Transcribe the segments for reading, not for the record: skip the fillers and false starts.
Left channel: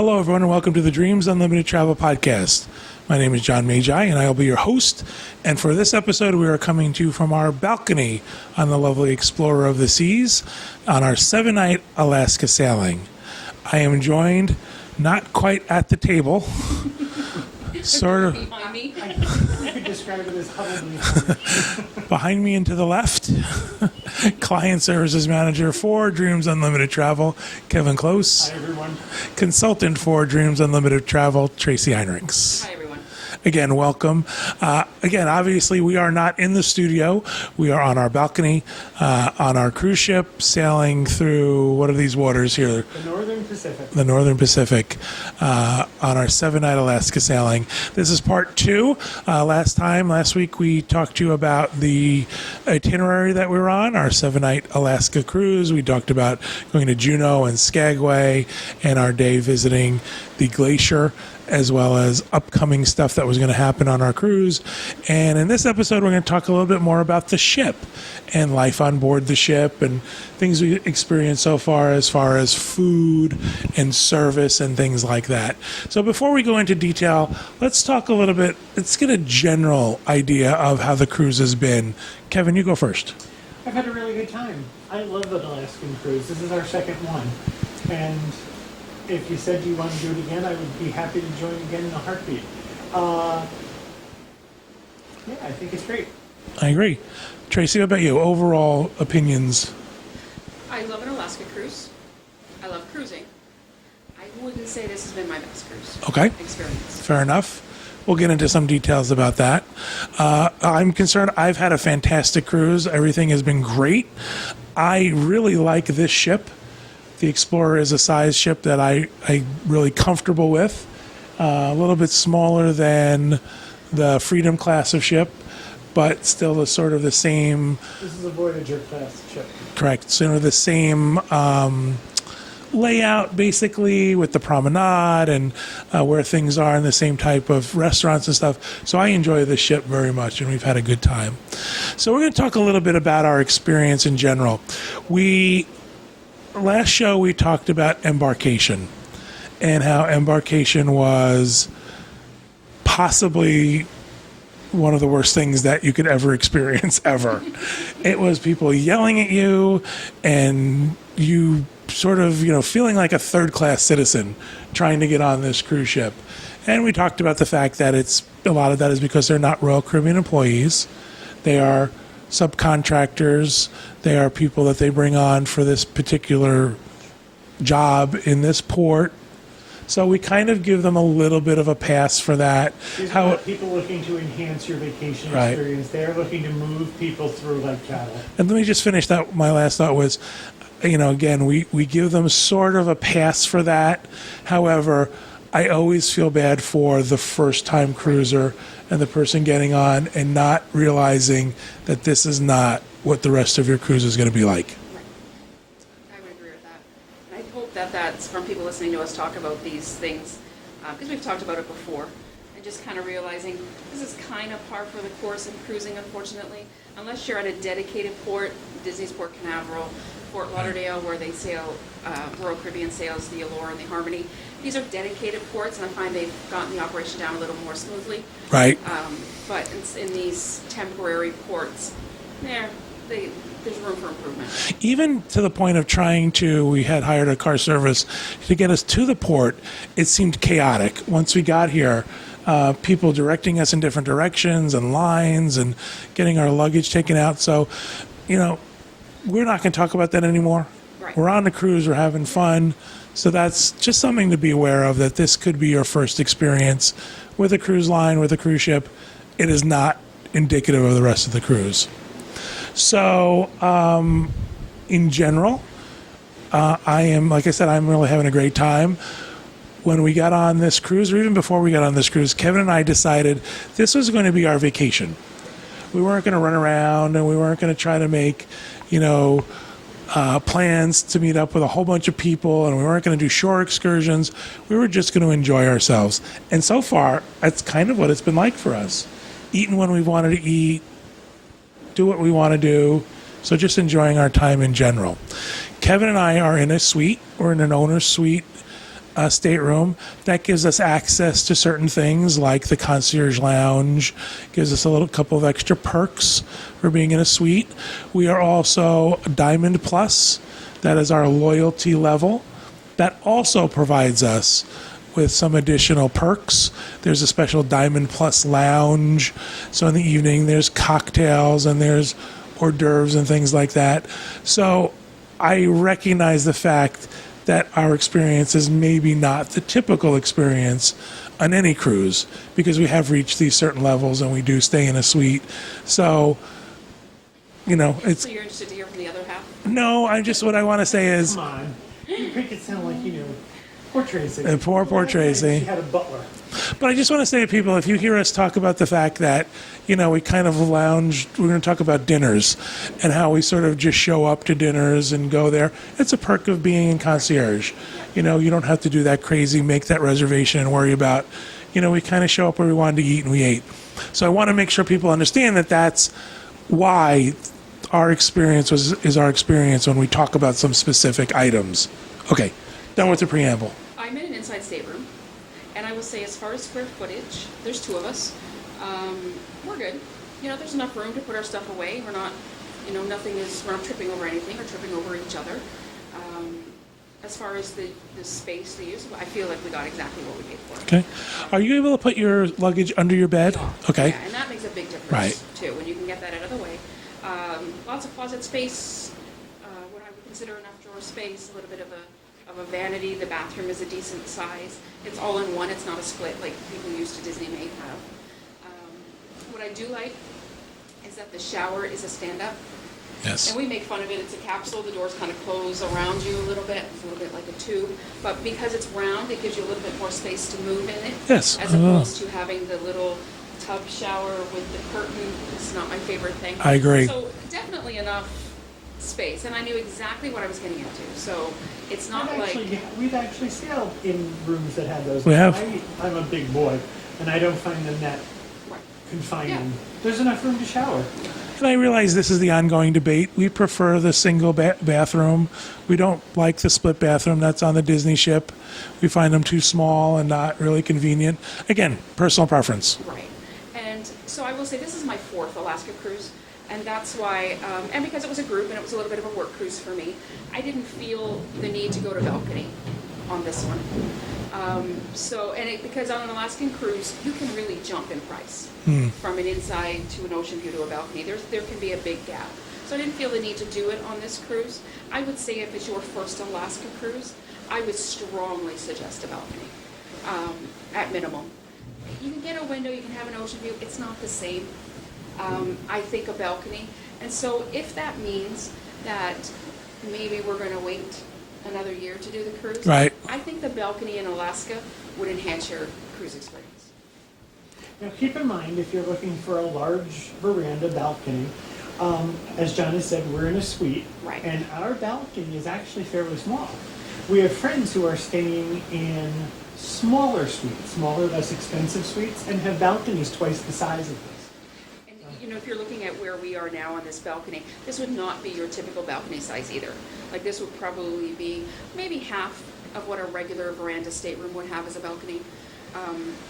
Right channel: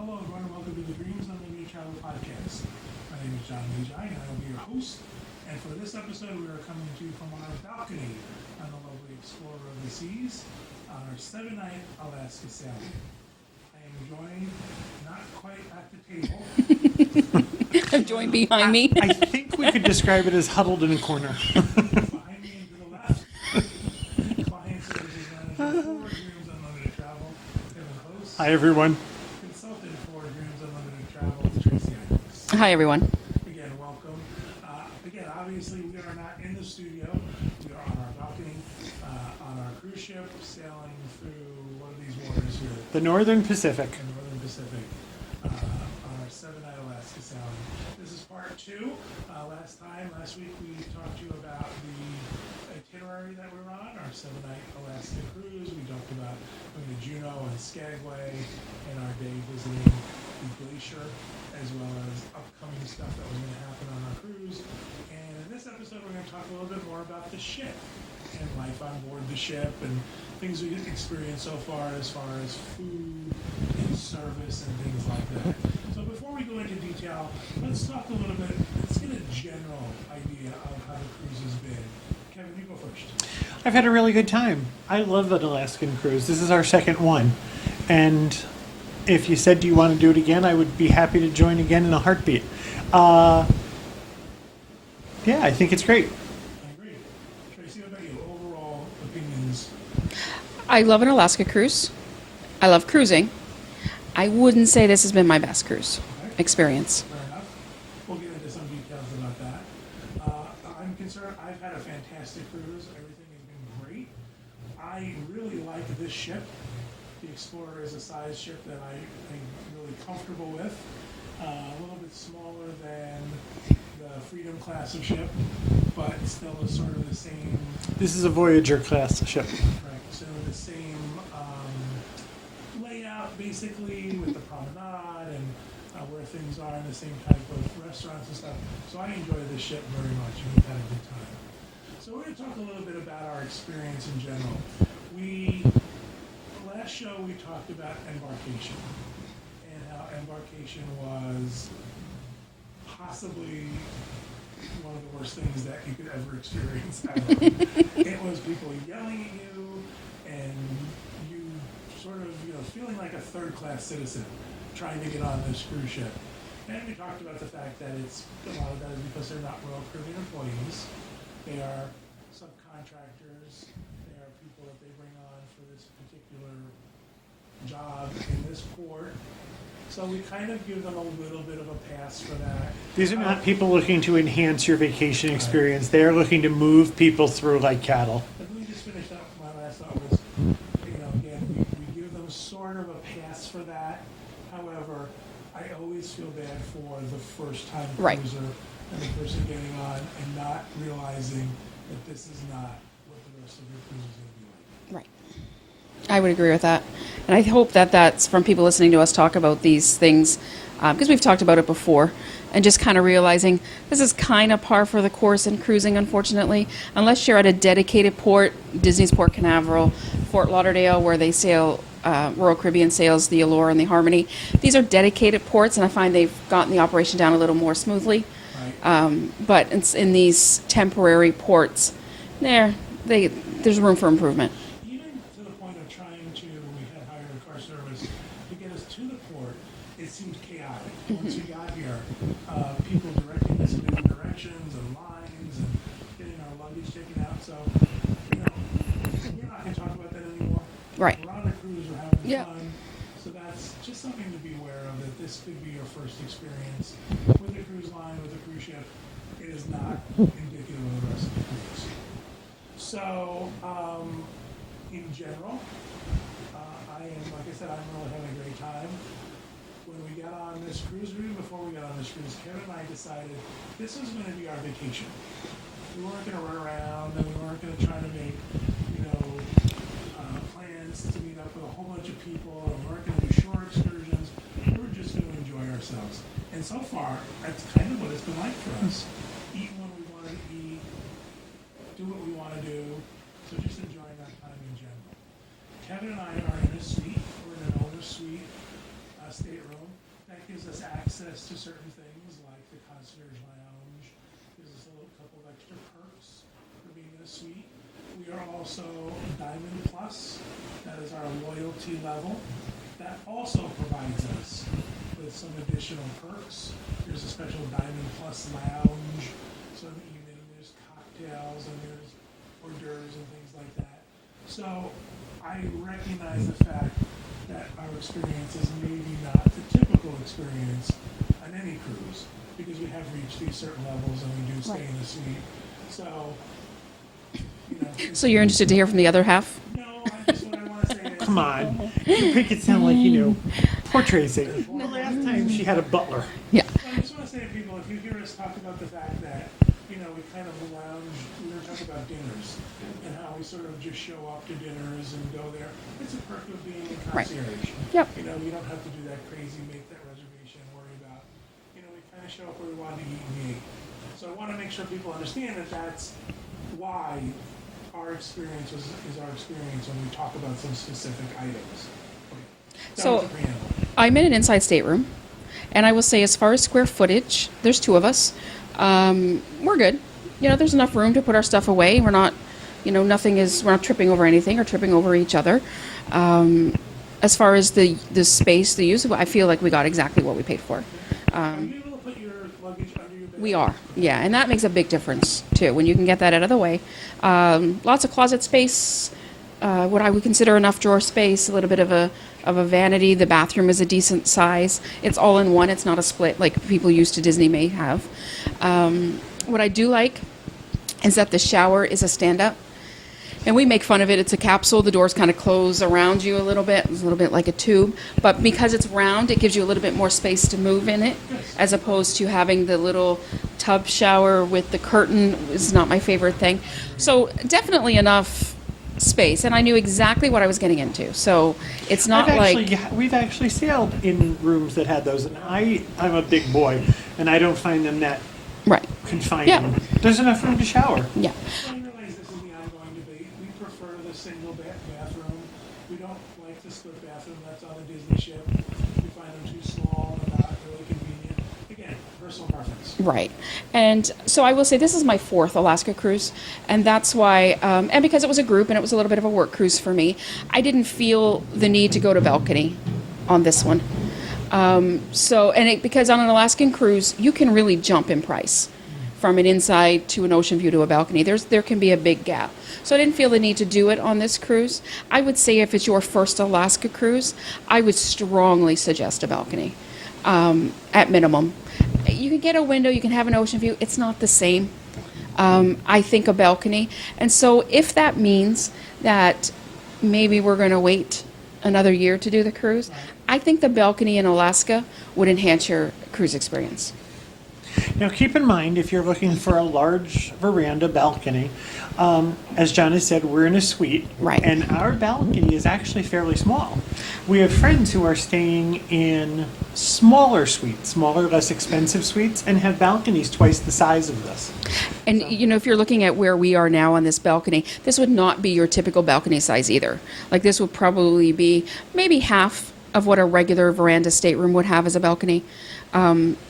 Hello, everyone, and welcome to the Dreams Unlimited Travel Podcast. My name is John Magi, and I'll be your host. And for this episode, we are coming to you from our balcony on the lovely Explorer of the Seas on our 7-night Alaska sailing. I am joined, not quite at the table, sort of behind me. I think we could describe it as huddled in a corner. behind me and to the left, Client Services Manager for Dreams Unlimited Travel, Kevin Close. Hi, everyone. Consultant for Dreams Unlimited Travel, Tracy Heinrichs. Hi, everyone. Again, welcome. Again, obviously, we are not in the studio. We are on our balcony, on our cruise ship, sailing through, what are these waters here? The Northern Pacific. The Northern Pacific, on our 7-night Alaska sailing. This is part 2. Last week, we talked to you about the itinerary that we were on, our 7-night Alaska cruise. We talked about going to Juneau and Skagway and our day visiting the glacier, as well as upcoming stuff that was going to happen on our cruise. And in this episode, we're going to talk a little bit more about the ship and life on board the ship and things we experienced so far as food and service and things like that. So before we go into detail, let's talk a little bit, let's get a general idea of how the cruise has been. Kevin, you go first. I've had a really good time. I love an Alaskan cruise. This is our second one. And if you said you want to do it again, I would be happy to join again in a heartbeat. Yeah, I think it's great. I agree. Tracy, what about you? Overall opinions? I love an Alaska cruise. I love cruising. I wouldn't say this has been my best cruise Okay. experience. Fair enough. We'll get into some details about that. I'm concerned. I've had a fantastic cruise. Everything has been great. I really like this ship. The Explorer is a size ship that I'm really comfortable with. A little bit smaller than the Freedom class of ship, but still the sort of the same. This is a Voyager class ship. Correct. Sort of the same layout, basically, with the promenade and where things are, and the same type of restaurants and stuff. So I enjoy this ship very much, and we've had a good time. So we're going to talk a little bit about our experience in general. Last show we talked about embarkation and how embarkation was possibly one of the worst things that you could ever experience ever. It was people yelling at you and you sort of, feeling like a third-class citizen trying to get on this cruise ship. And we talked about the fact that a lot of that is because they're not Royal Caribbean employees. They are subcontractors. They are people that they bring on for this particular job in this port. So we kind of give them a little bit of a pass for that. These are not people looking to enhance your vacation Right. experience. They're looking to move people through like cattle. And let me just finish that. My last thought was, again, we give them sort of a pass for that. However, I always feel bad for the first-time cruiser and the person getting on and not realizing that this is not what the rest of your cruise is going to be like. Right. I would agree with that. And I hope that that's from people listening to us talk about these things, because we've talked about it before, and just kind of realizing this is kind of par for the course in cruising, unfortunately. Unless you're at a dedicated port, Disney's Port Canaveral, Fort Lauderdale, where they sail, Royal Caribbean sails the Allure and the Harmony. These are dedicated ports, and I find they've gotten the operation down a little more smoothly. Right. But in these temporary ports, there's room for improvement. Even to the point of we had hired a car service to get us to the port. It seemed chaotic. Once we got here, people directing us in different directions and lines and getting our luggage taken out. So, we're not going to talk about that anymore. Right. We're on the cruise. We're having fun. So that's just something to be aware of, that this could be your first experience with a cruise line, with a cruise ship. It is not indicative of the rest of the cruise. So, in general, like I said, I'm really having a great time. When we got on this cruise, or even before we got on this cruise, Kevin and I decided this was going to be our vacation. We weren't going to run around, and we weren't going to try to make, plans to meet up with a whole bunch of people, and we weren't going to do shore excursions. We were just going to enjoy ourselves. And so far, that's kind of what it's been like for us. Eating when we wanted to eat, do what we want to do. So just enjoying our time in general. Kevin and I are in a suite. We're in an owner's suite stateroom. That gives us access to certain things like the concierge lounge, gives us a little couple of extra perks for being in a suite. We are also Diamond Plus. That is our loyalty level. That also provides us with some additional perks. There's a special Diamond Plus lounge. So in the evening, there's cocktails and there's hors d'oeuvres and things like that. So I recognize the fact that our experience is maybe not the typical experience on any cruise because we have reached these certain levels and we do stay in a suite. So, it's So you're interested to hear from the other half? no. What I want to say is Come on. You make it sound like, poor Tracy. And poor Tracy. She had a butler. But I just want to say to people, if you hear us talk about the fact that, we kind of lounge, we're going to talk about dinners and how we sort of just show up to dinners and go there. It's a perk of being in concierge. Yep. You don't have to do that crazy, make that reservation and worry about, we kind of show up where we wanted to eat and we ate. So I want to make sure people understand that that's why our experience is our experience when we talk about some specific items. Okay, done with So- the preamble. I'm in an inside stateroom, and I will say, as far as square footage, there's two of us. We're good. There's enough room to put our stuff away. We're not, we're not tripping over anything or tripping over each other. As far as the space, the use, I feel like we got exactly what we paid for. Okay. Are you able to put your luggage under your bed? We are. Okay. Yeah, and that makes a big difference too when you can get that out of the way. Lots of closet space, what I would consider enough drawer space, a little bit of a vanity. The bathroom is a decent size. It's all in one. It's not a split like people used to Disney may have. What I do like is that the shower is a stand-up. Yes. And we make fun of it. It's a capsule. The doors kind of close around you a little bit. It's a little bit like a tube. But because it's round, it gives you a little bit more space to move in it. Yes. As opposed to having the little tub shower with the curtain is not my favorite thing. I agree. So definitely enough space. And I knew exactly what I was getting into. So it's not We've actually sailed in rooms that had those. We have. I'm a big boy, and I don't find them that Right. confining. Yeah. There's enough room to shower. Yeah. And I realize this is the ongoing debate. We prefer the single bathroom. We don't like the split bathroom that's on the Disney ship. We find them too small and not really convenient. Again, personal preference. Right. And so I will say this is my fourth Alaska cruise. And that's why, and because it was a group and it was a little bit of a work cruise for me, I didn't feel the need to go to balcony on this one. Because on an Alaskan cruise, you can really jump in price from an inside to an ocean view to a balcony. There can be a big gap. So I didn't feel the need to do it on this cruise. I would say if it's your first Alaska cruise, I would strongly suggest a balcony, at minimum. You can get a window, you can have an ocean view. It's not the same. I think a balcony. And so if that means that maybe we're going to wait another year to do the cruise, Right. I think the balcony in Alaska would enhance your cruise experience. Now, keep in mind, if you're looking for a large veranda balcony, as John has said, we're in a suite. Right. And our balcony is actually fairly small. We have friends who are staying in smaller suites, smaller, less expensive suites, and have balconies twice the size of this. And if you're looking at where we are now on this balcony, this would not be your typical balcony size either. Like this would probably be maybe half of what a regular veranda stateroom would have as a balcony.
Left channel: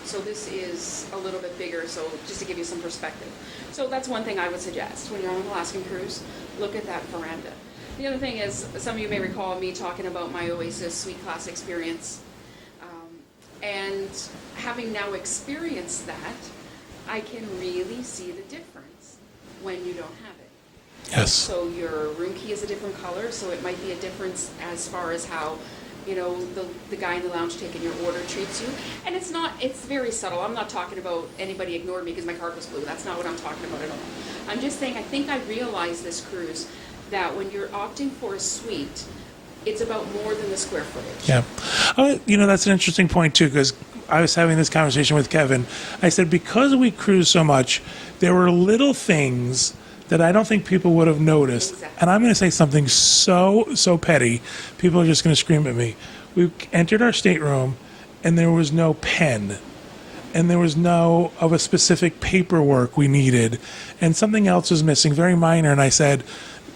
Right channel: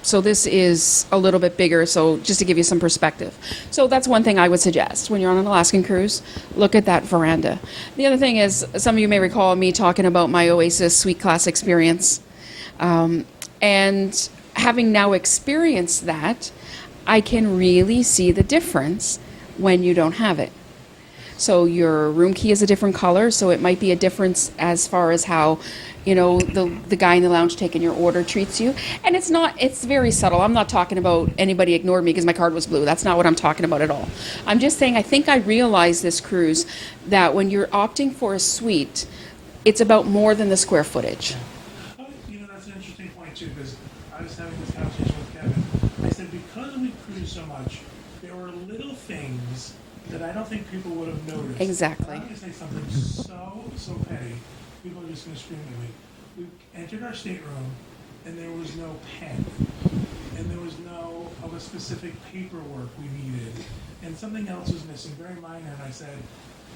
So this is a little bit bigger, so just to give you some perspective. So that's one thing I would suggest when you're on an Alaskan cruise, look at that veranda. The other thing is, some of you may recall me talking about my Oasis Suite Class experience. And having now experienced that, I can really see the difference when you don't have it. Yes. So your room key is a different color, so it might be a difference as far as how, the guy in the lounge taking your order treats you. And it's very subtle. I'm not talking about anybody ignored me because my card was blue. That's not what I'm talking about at all. I'm just saying I think I realized this cruise that when you're opting for a suite, it's about more than the square footage. Yeah. That's an interesting point, too, because I was having this conversation with Kevin. I said, because we cruise so much, there were little things that I don't think people would have noticed. Exactly. And I'm going to say something so petty. People are just going to scream at me. We entered our stateroom, and there was no pen, and there was no of a specific paperwork we needed, and something else was missing, very minor. And I said,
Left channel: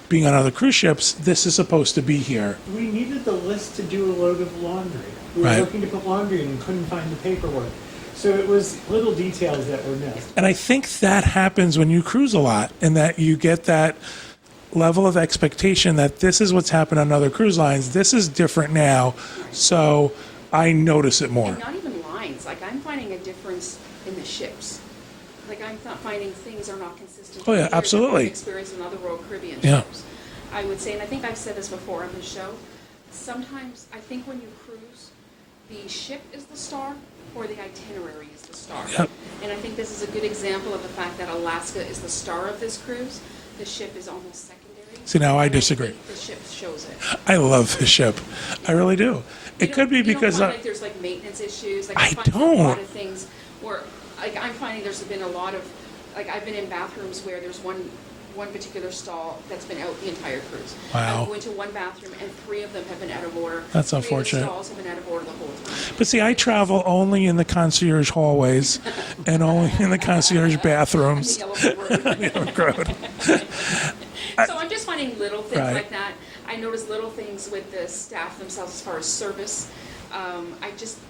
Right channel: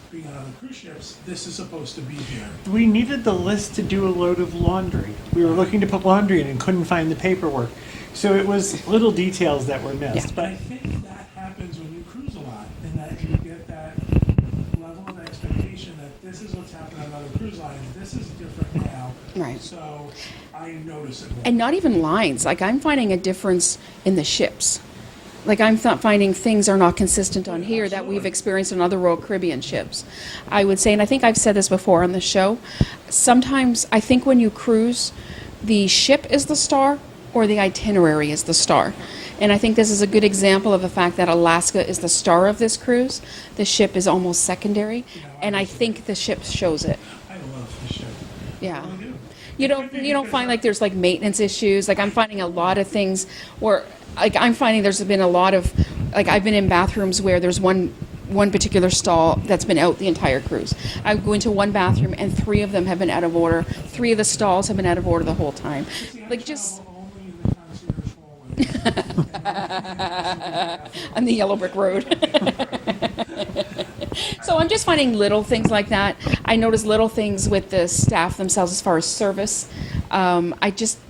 being on other cruise ships, this is supposed to be here. We needed the list to do a load of laundry. We were Right. looking to put laundry in and couldn't find the paperwork. So it was little details that were missed. And I think that happens when you cruise a lot, and that you get that level of expectation that this is what's happened on other cruise lines. This is different now. Right. So I notice it more. And not even lines. Like, I'm finding a difference in the ships. Like, I'm not finding things are not consistent Oh, on yeah, here that absolutely. we've experienced on other Royal Caribbean Yeah. ships. I would say, and I think I've said this before on the show, sometimes I think when you cruise, the ship is the star or the itinerary is the star. Yep. And I think this is a good example of the fact that Alaska is the star of this cruise. The ship is almost secondary. See, now I disagree. And I think the ship shows it. I love his ship. I Yeah. really do. You It don't, could be you don't because find I- like there's like maintenance issues. Like, I'm I finding a don't. lot of things where, like, I'm finding there's been a lot of, like, I've been in bathrooms where there's one particular stall that's been out the entire cruise. I Wow. go into one bathroom and 3 of them have been out of order. That's 3 of the unfortunate. stalls have been out of order the whole time. But see, I It just- travel only in the concierge hallways and only in the concierge bathrooms. on the Yellow Brick Road. So I'm just finding little things Right. like that. I notice little things with the staff themselves as far as service.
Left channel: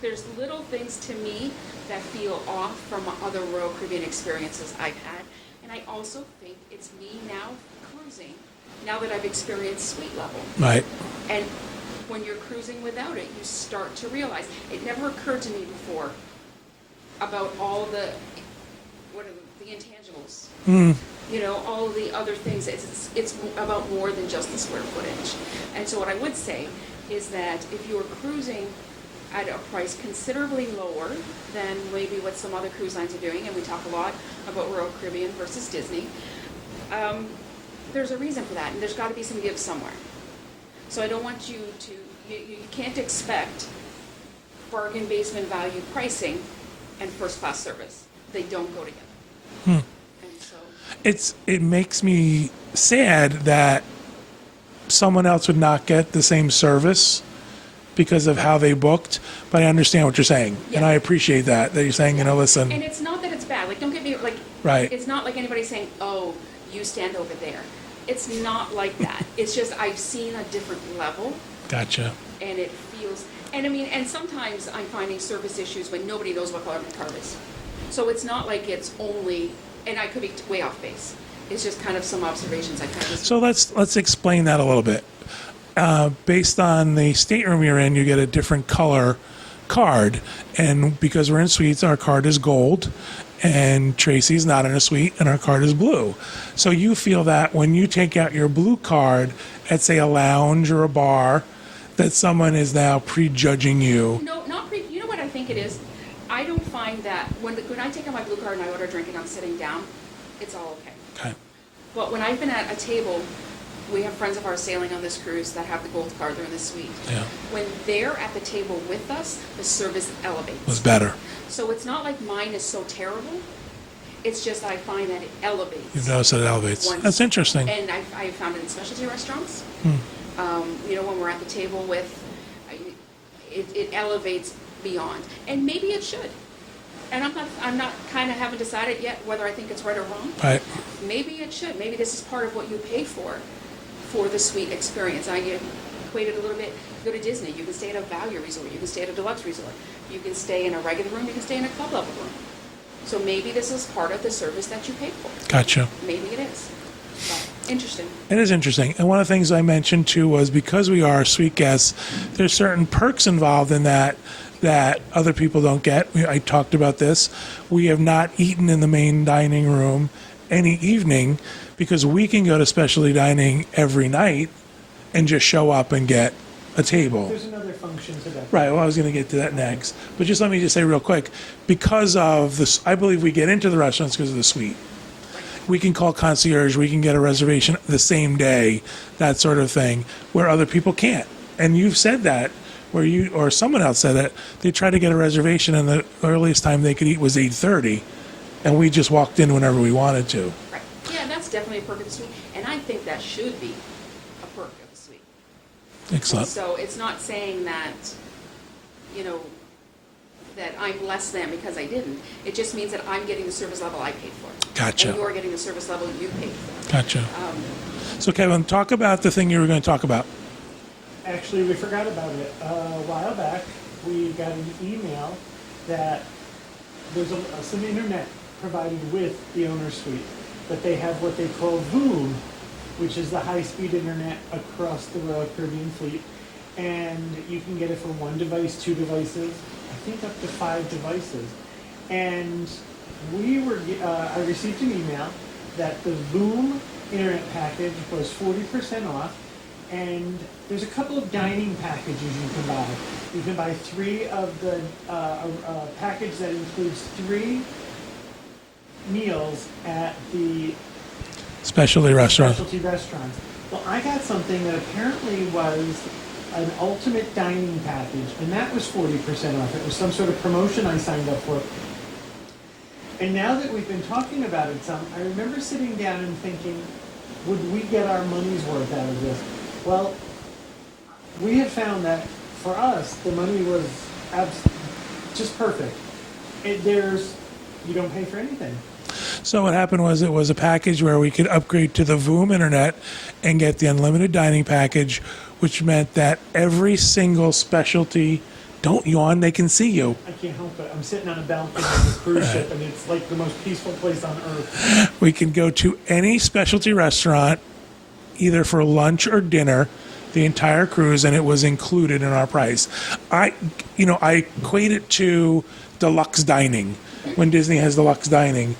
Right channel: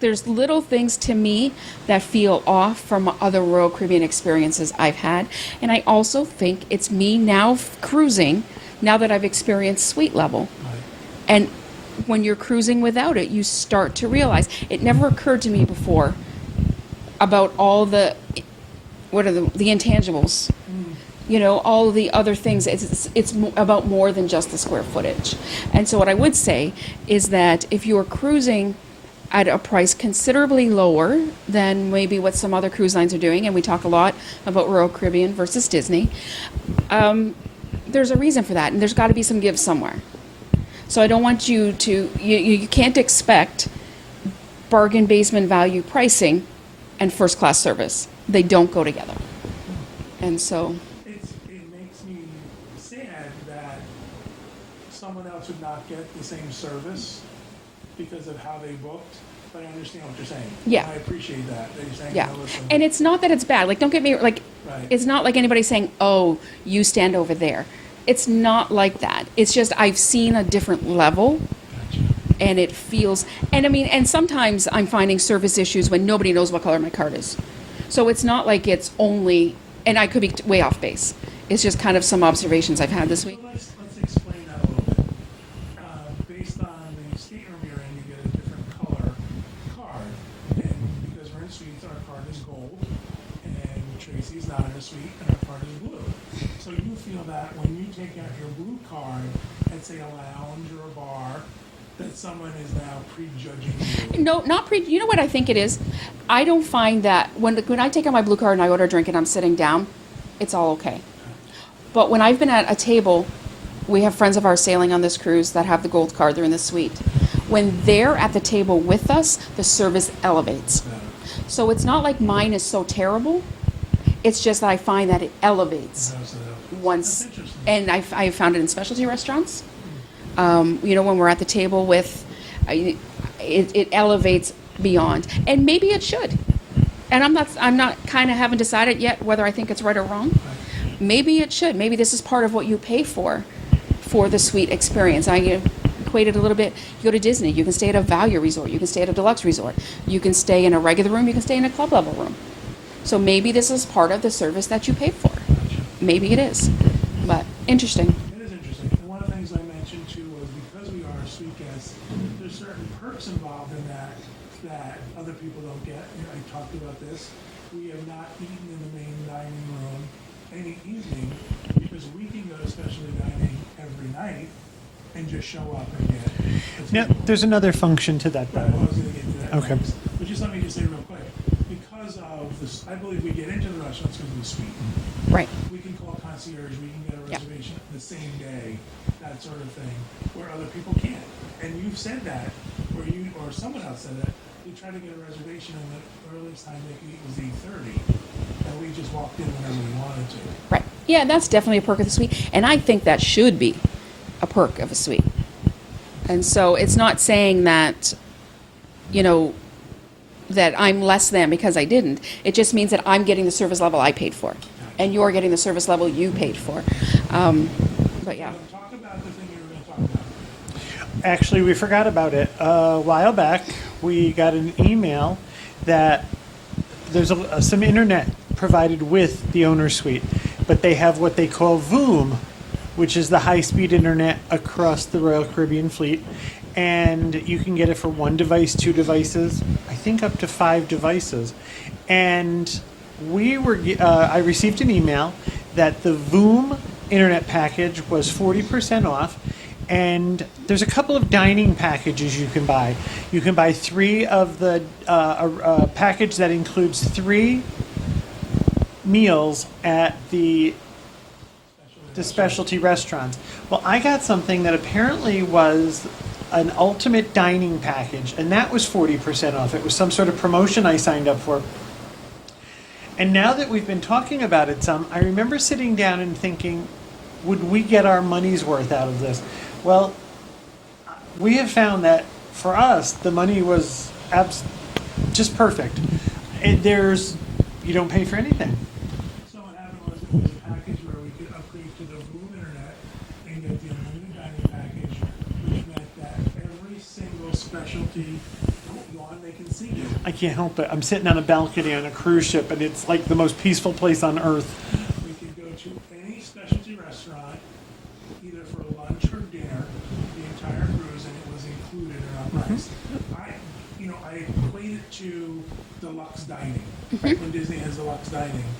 There's little things to me that feel off from other Royal Caribbean experiences I've had. And I also think it's me now cruising, now that I've experienced suite level. Right. And when you're cruising without it, you start to realize, it never occurred to me before about all the, what are the intangibles? You know, all the other things. It's about more than just the square footage. And so what I would say is that if you are cruising at a price considerably lower than maybe what some other cruise lines are doing, and we talk a lot about Royal Caribbean versus Disney, there's a reason for that, and there's got to be some give somewhere. So I don't want you to, you can't expect bargain basement value pricing and first class service. They don't go together. And so, It makes me sad that someone else would not get the same service because of how they booked, but I understand what you're saying. Yeah. And I appreciate that you're saying, yeah. listen. And it's not that it's bad. Like, don't get me, like, Right. it's not like anybody saying, oh, you stand over there. It's not like that. It's just I've seen a different level. Gotcha. And it feels, and I mean, and sometimes I'm finding service issues when nobody knows what color my card is. So it's not like it's only, and I could be way off base. It's just kind of some observations I've had this So week. let's explain that a little bit. Based on the stateroom you're in, you get a different color card, and because we're in suites, our card is gold, and Tracy's not in a suite, and our card is blue. So you feel that when you take out your blue card at, say, a lounge or a bar, that someone is now prejudging you. No, not you know what I think it is? I don't find that when I take out my blue card and I order a drink and I'm sitting down, it's all okay. Okay. But when I've been at a table, we have friends of ours sailing on this cruise that have the gold card, they're in the suite. Yeah. When they're at the table with us, the service It's elevates. better. So it's not like mine is so terrible. It's just that I find that it elevates. You notice that it elevates. once- That's interesting. And I found it in specialty restaurants. You know, when we're at the table with, it elevates beyond. And maybe it should. And I'm not kind of haven't decided yet whether I think it's right or wrong. Right. Maybe it should. Maybe this is part of what you pay for the suite experience. I equate it a little bit. You go to Disney, you can stay at a value resort, you can stay at a deluxe resort, you can stay in a regular room, you can stay in a club level room. So maybe this is part of the service that you pay for. Gotcha. Maybe it is. But interesting. It is interesting. And one of the things I mentioned too was because we are suite guests, there's certain perks involved in that other people don't get. I talked about this. We have not eaten in the main dining room any evening because we can go to specialty dining every night and just show up and get a table. There's another function to that. Right, well, I was going to get to that Okay. next. But just let me just say real quick, because of this, I believe we get into the restaurants because of the suite. Right. We can call concierge, we can get a reservation the same day, that sort of thing, where other people can't. And you've said that, where you, or someone else said that, they tried to get a reservation and the earliest time they could eat was 8:30, and we just walked in whenever we wanted to. Right. Yeah, that's definitely a perk of the suite. And I think that should be a perk of a suite. And Excellent. so it's not saying that, you know, that I'm less than because I didn't. It just means that I'm getting the service level I paid for. Gotcha. And you're getting the service level you paid for. Gotcha. So Kevin, talk about the thing you were going to talk about. Actually, we forgot about it. A while back, we got an email that there's some internet provided with the owner's suite, but they have what they call VOOM, which is the high-speed internet across the Royal Caribbean fleet. And you can get it for 1 device, 2 devices, I think up to 5 devices. And I received an email that the VOOM internet package was 40% off. And there's a couple of dining packages you can buy. You can buy 3 of the a package that includes 3 meals at the Specialty restaurant. specialty restaurants. Well, I got something that apparently was an ultimate dining package, and that was 40% off. It was some sort of promotion I signed up for. And now that we've been talking about it some, I remember sitting down and thinking, would we get our money's worth out of this? Well, we have found that for us, the money was just perfect. You don't pay for anything. So what happened was it was a package where we could upgrade to the VOOM internet and get the unlimited dining package, which meant that every single specialty, don't yawn, they can see you. I can't help it. I'm sitting on a balcony on a cruise ship, and it's like the most peaceful place on earth. We can go to any specialty restaurant, either for lunch or dinner, the entire cruise, and it was included in our price. I equate it to Deluxe Dining, when Disney has Deluxe Dining.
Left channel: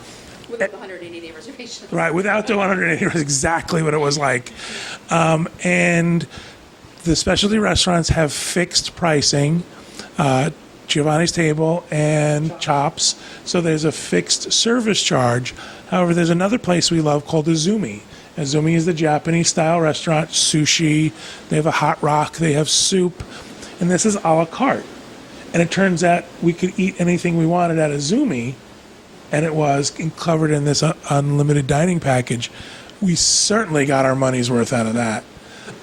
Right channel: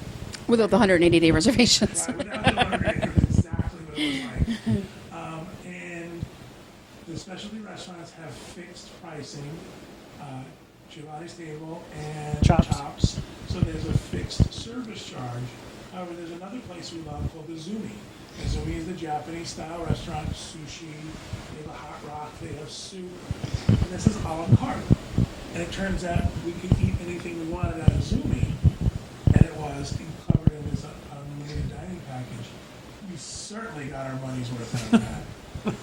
Without the 180-day reservations. Right, without the 180, it was exactly what it was like. And the specialty restaurants have fixed pricing, Giovanni's Table and Chops. So there's a fixed service charge. However, there's another place we love called Azumi. Azumi is the Japanese-style restaurant, sushi. They have a hot rock. They have soup. And this is a la carte. And it turns out we could eat anything we wanted at Azumi, and it was covered in this unlimited dining package. We certainly got our money's worth out of that.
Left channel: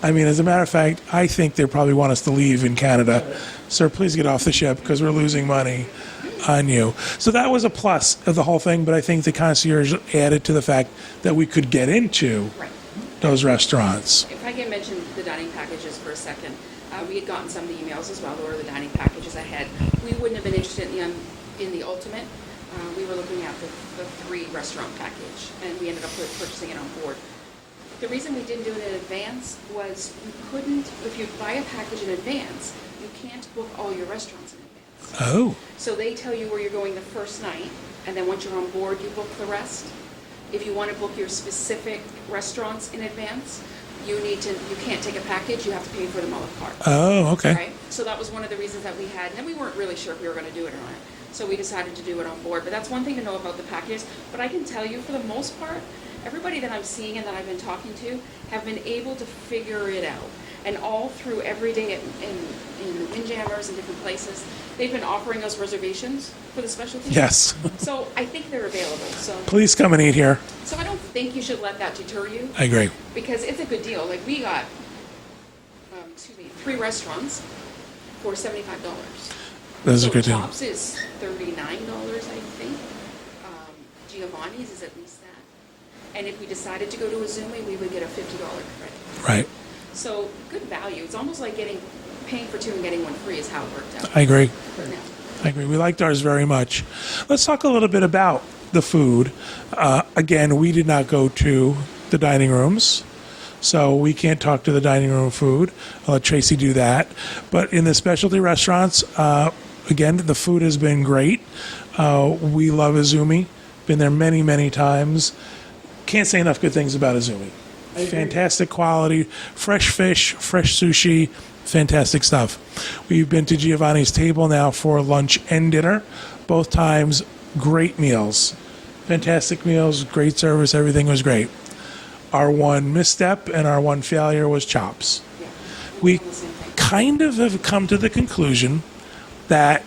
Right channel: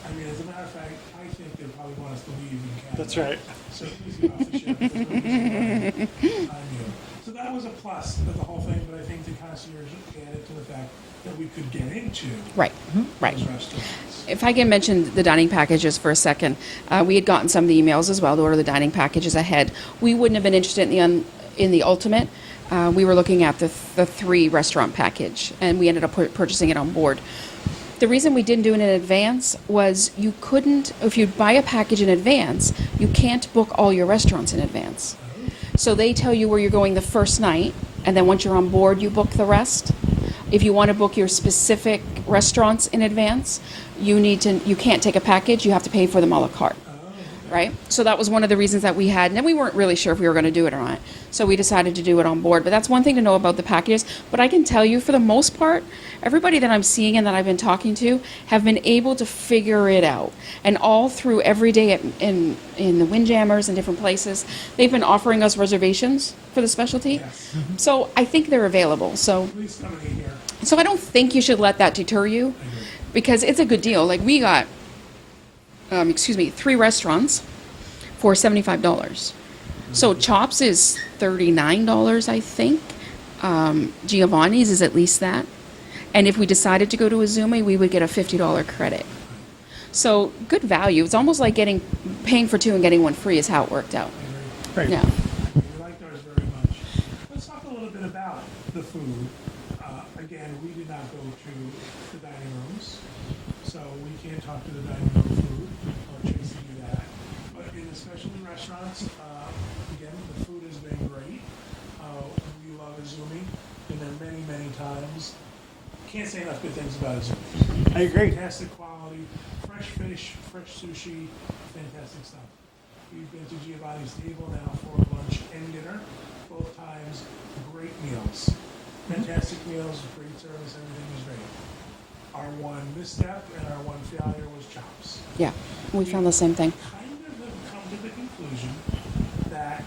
I mean, as a matter of fact, I think they probably want us to leave in Canada. That's right. Sir, please get off the ship because we're losing money on you. So that was a plus of the whole thing, but I think the concierge added to the fact that we could get into Right. those restaurants. If I can mention the dining packages for a second, we had gotten some of the emails as well to order the dining packages ahead. We wouldn't have been interested in the ultimate. We were looking at the 3 restaurant package, and we ended up purchasing it on board. The reason we didn't do it in advance was you couldn't, if you buy a package in advance, you can't book all your restaurants in advance. Oh, So they tell you where you're going the first night, and then once you're on board, you book the rest. If you want to book your specific restaurants in advance, you can't take a package, you have to pay for them a la carte. oh, okay. Right? So that was one of the reasons that we had, and then we weren't really sure if we were going to do it or not. So we decided to do it on board. But that's one thing to know about the packages. But I can tell you, for the most part, everybody that I'm seeing and that I've been talking to have been able to figure it out. And all through every day in the Windjammers and different places, they've been offering us reservations for the specialty. Yes. So I think they're available. So Please come and eat here. I don't think you should let that deter you. I agree. Because it's a good deal. Like we got, 3 restaurants for $75. This is a So good deal. Chops is $39, I think. Giovanni's is at least that. And if we decided to go to Azumi, we would get a $50 credit. Right. So good value. It's almost like paying for 2 and getting 1 free is how it worked out. I agree. Right. Yeah. I agree. We liked ours very much. Let's talk a little bit about the food. Again, we did not go to the dining rooms, so we can't talk to the dining room food. I'll let Tracy do that. But in the specialty restaurants, again, the food has been great. We love Azumi. Been there many, many times. Can't say enough good things about Azumi. I agree. Fantastic quality, fresh fish, fresh sushi, fantastic stuff. We've been to Giovanni's Table now for lunch and dinner. Both times, great meals. Fantastic meals, great service, everything was great. Our one misstep and our one failure was Chops. Yeah. We- We found the same thing. Kind of have come to the conclusion that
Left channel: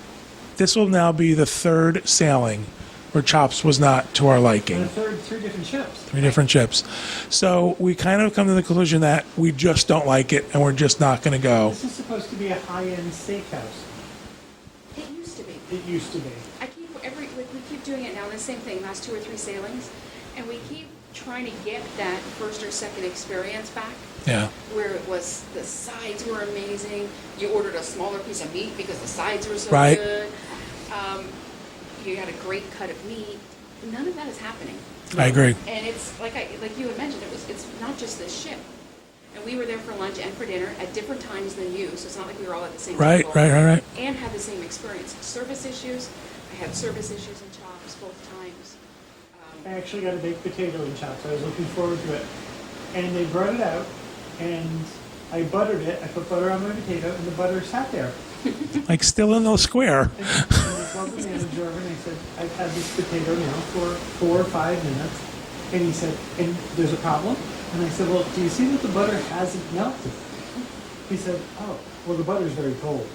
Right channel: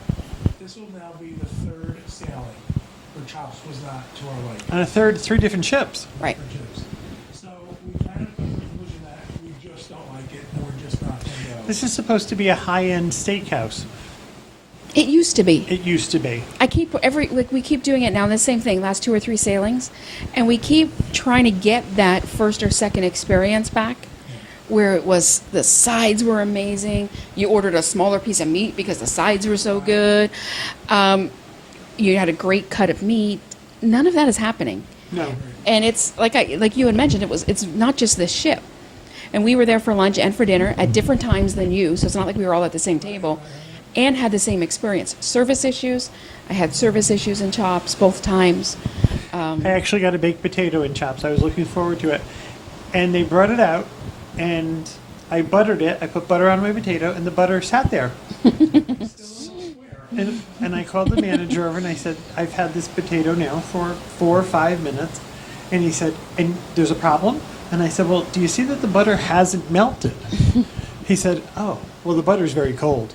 this will now be the 3rd sailing where Chops was not to our liking. And a 3 different ships. 3 different ships. So we kind of come to the conclusion that we just don't like it and we're just not going to go. This is supposed to be a high-end steakhouse. It used to be. It used to be. We keep doing it now. The same thing, last 2 or 3 sailings, and we keep trying to get that first or second experience back. Yeah. Where it was the sides were amazing. You ordered a smaller piece of meat because the sides were so Right. good. You had a great cut of meat. None of that is happening. I agree. And it's like you had mentioned, it's not just this ship. And we were there for lunch and for dinner at different times than you, so it's not like we were all at the same Right, table. right. And had the same experience. Service issues. I had service issues in Chops both times. I actually got a baked potato in Chops. I was looking forward to it. And they brought it out, and I buttered it. I put butter on my potato, and the butter sat there. Like still in the square. And I called the manager over, and I said, I've had this potato now for 4 or 5 minutes. And he said, and there's a problem? And I said, well, do you see that the butter hasn't melted? He said, oh, well, the butter's very cold.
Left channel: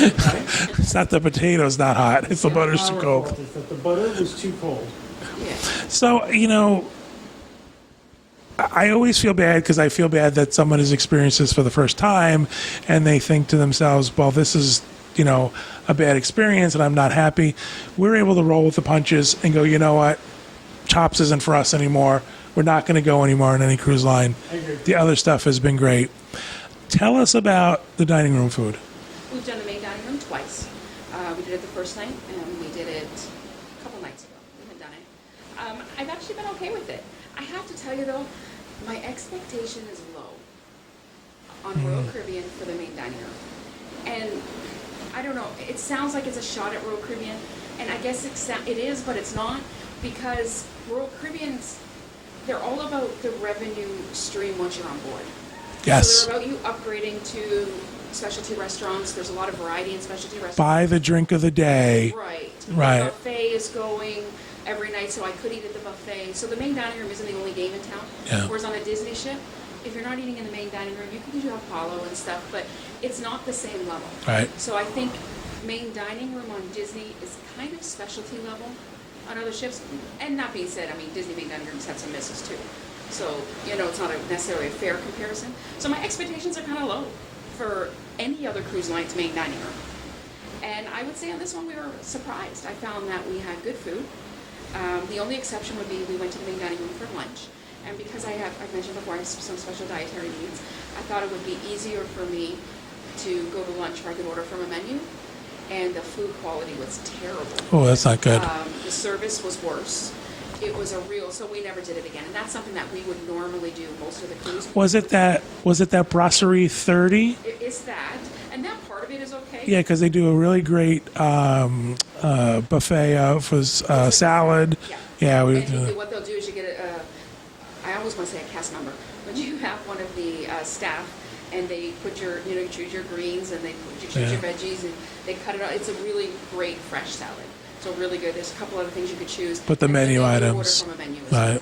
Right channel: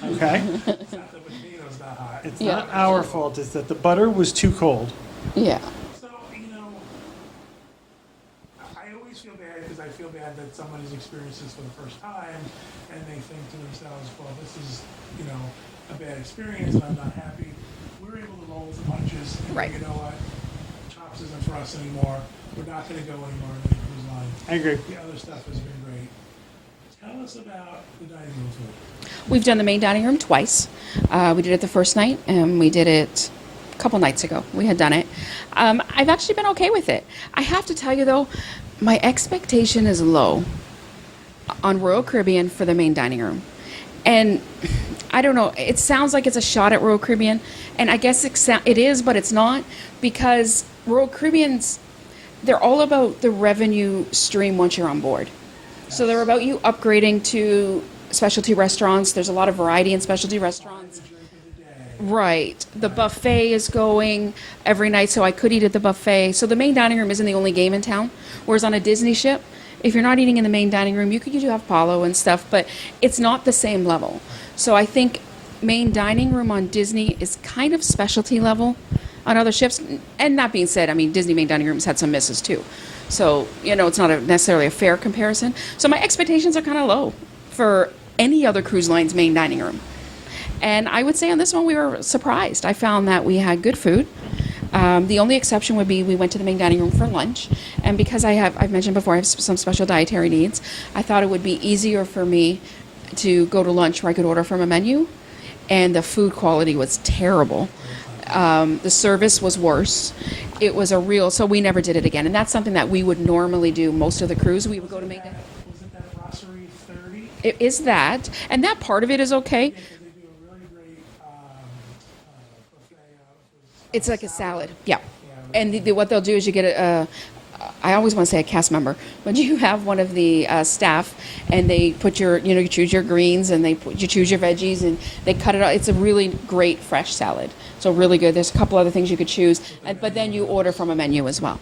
Okay? It's not the potato's not hot. It's the Yeah. butter's too Our cold. fault is that the butter was too cold. Yeah. So, I always feel bad because I feel bad that someone has experienced this for the first time and they think to themselves, well, this is, a bad experience and I'm not happy. We're able to roll with the punches and go, you know what? Chops isn't for us anymore. We're not going to go anymore on any cruise line. I agree. The other stuff has been great. Tell us about the dining room food. We've done the main dining room twice. We did it the first night, and we did it a couple nights ago. We had done it. I've actually been okay with it. I have to tell you, though, my expectation is low on Royal Caribbean for the main dining room. And I don't know, it sounds like it's a shot at Royal Caribbean, and I guess it is, but it's not, because Royal Caribbean's, they're all about the revenue stream once you're on board. Yes. So they're about you upgrading to specialty restaurants. There's a lot of variety in specialty restaurants. Buy the drink of the day. Right. Right. The buffet is going every night, so I could eat at the buffet. So the main dining room isn't the only game in town. Yeah. Whereas on a Disney ship, if you're not eating in the main dining room, you could usually have Palo and stuff, but it's not the same level. Right. So I think main dining room on Disney is kind of specialty level on other ships. And that being said, I mean, Disney main dining rooms had some misses too. So, it's not necessarily a fair comparison. So my expectations are kind of low for any other cruise line's main dining room. And I would say on this one, we were surprised. I found that we had good food. The only exception would be we went to the main dining room for lunch. And because I've mentioned before, I have some special dietary needs, I thought it would be easier for me to go to lunch where I could order from a menu. And the food quality was terrible. Oh, that's not good. The service was worse. It was so we never did it again. And that's something that we would normally do most of the cruise. Was it that Brasserie 30? It is that. And that part of it is okay. Yeah, because they do a really great buffet for It's like a salad. Yeah. Yeah. What they'll do is you get I always want to say a cast member, but you have one of the staff, and they put you choose your greens, and you choose your veggies, and they cut it out. It's a really great fresh salad. So really good. There's a couple other things you could choose. But the but menu then items. you order from a menu as Right.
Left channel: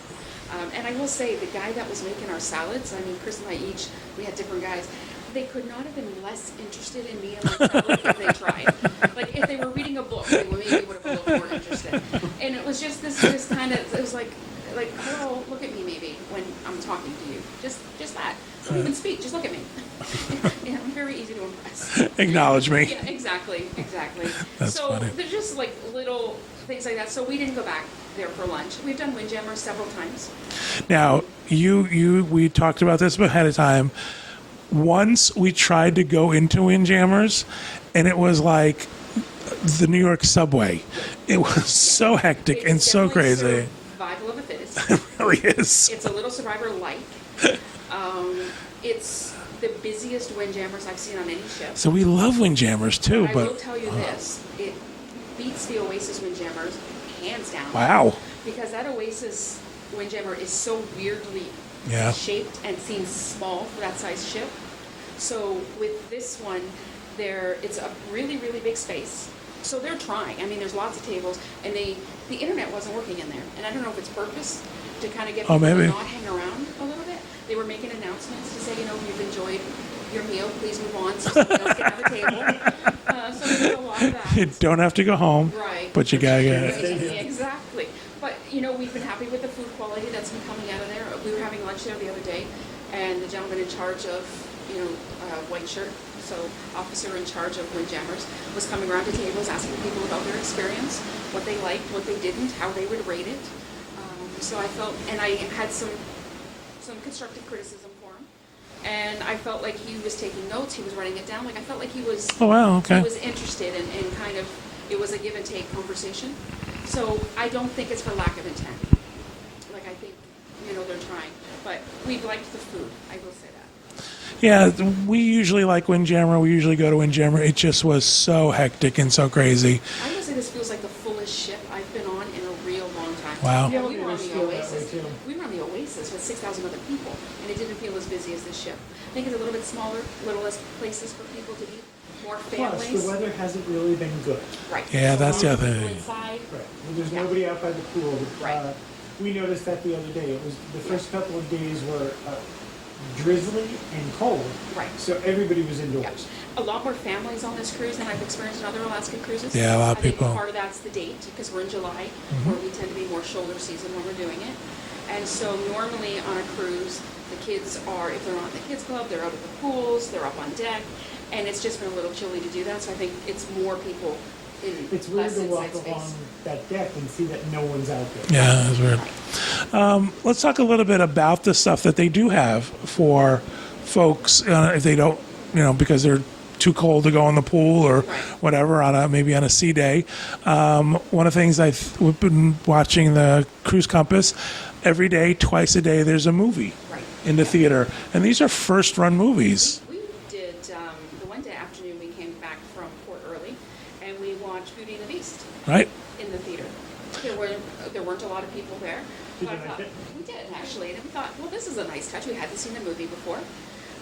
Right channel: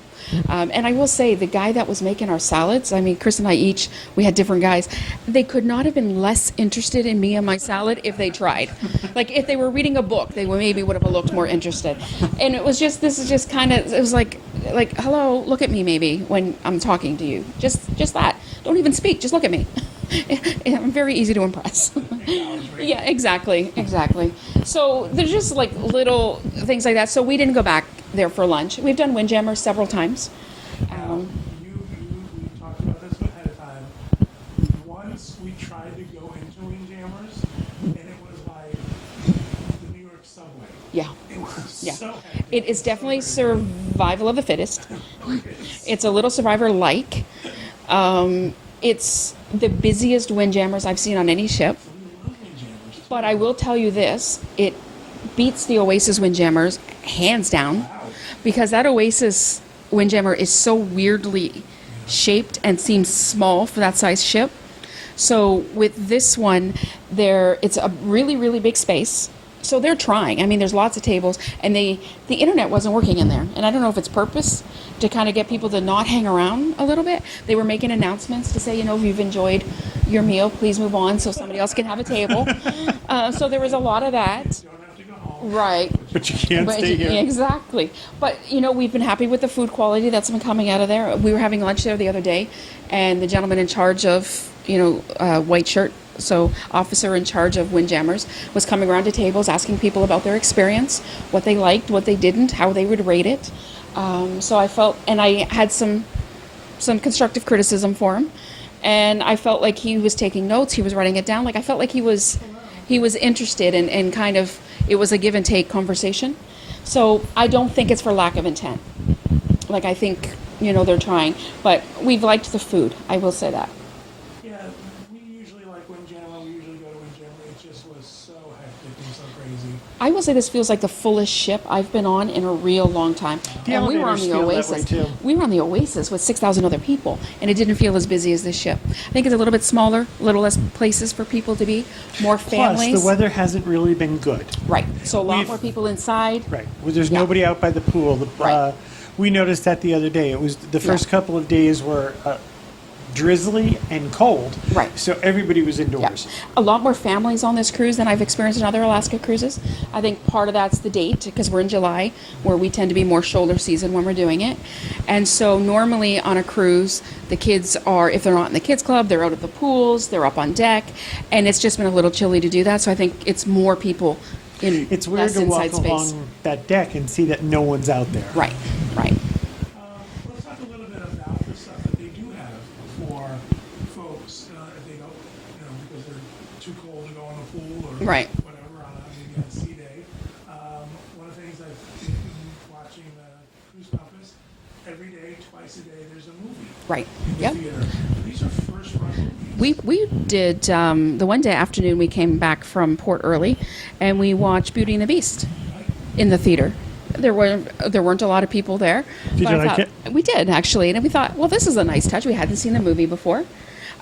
well. And I will say, the guy that was making our salads, I mean, Chris and I we had different guys. They could not have been less interested in me and my salad if they tried. Like, if they were reading a book, they maybe would have looked more interested. And it was just, this is just kind of, it was like, hello, look at me maybe when I'm talking to you. Just that. Don't even speak, just look at me. I'm very easy to impress. Acknowledge me. Yeah, exactly. So funny. there's just like little things like that. So we didn't go back there for lunch. We've done Windjammers several times. Now, we talked about this ahead of time. Once we tried to go into Windjammers, and it was like the New York subway. Yeah. It was so hectic and It's so definitely crazy. survival of the fittest. It really is. It's a little Survivor-like. It's the busiest Windjammers I've seen on any ship. So we love Windjammers too. But I will tell you this, it beats the Oasis Windjammers hands down. Wow. Because that Oasis Windjammer is so weirdly Yeah. shaped and seems small for that size ship. So with this one, it's a really, really big space. So they're trying. I mean, there's lots of tables, and the internet wasn't working in there. And I don't know if it's purpose to kind of get people to maybe. not hang around a little bit. They were making announcements to say, if you've enjoyed your meal, please move on so somebody else can have a table. So there was a lot of that. You don't have to go home. Right. But you gotta you get can't it. stay here. Yeah, exactly. But, we've been happy with the food quality that's been coming out of there. We were having lunch there the other day, and the gentleman in charge of white shirt. So officer in charge of Windjammers was coming around to tables asking people about their experience, what they liked, what they didn't, how they would rate it. So I felt, and I had some constructive criticism for him. And I felt like he was taking notes. He was writing it down. Like I felt like he was, Oh, wow, okay. he was interested and kind of, it was a give and take conversation. So I don't think it's for lack of intent. Like I think, they're trying, but we've liked the food. I will say that. Yeah, we usually like Windjammer. We usually go to Windjammer. It just was so hectic and so crazy. I will say this feels like the fullest ship I've been on in a real long time. Wow. The And we were on elevators the feel that way, Oasis. too. We were on the Oasis with 6,000 other people, and it didn't feel as busy as this ship. I think it's a little bit smaller, a little less places for people to be, more families. Plus, the weather hasn't really been good. Right. Yeah, So a that's lot the more other people thing. inside. Right. Well, there's Yeah. nobody out by the pool. Right. We noticed that the other day. It was the first couple of days were drizzly and cold. Right. So everybody was Yeah. indoors. A lot more families on this cruise than I've experienced in other Alaska cruises. Yeah, a lot of I think people. part of that's the date because we're in July, where we tend to be more shoulder season when we're doing it. And so normally on a cruise, the kids are, if they're not in the kids club, they're out at the pools, they're up on deck, and it's just been a little chilly to do that. So I think it's more people in It's weird less to inside walk space. along that deck and see that no one's out there. Yeah, that's weird. Right. Let's talk a little bit about the stuff that they do have for folks if they don't, because they're too cold to go in the pool or Right. whatever maybe on a sea day. One of the things we've been watching the Cruise Compass. Every day, twice a day, there's a movie Right. in the Yep. theater, and these are first-run movies. We did the one day afternoon we came back from port early, and we watched Beauty and the Beast Right? in the theater. There weren't a lot of people there. Did but you I like thought- it? We did actually, and we thought, well, this is a nice touch. We hadn't seen the movie before.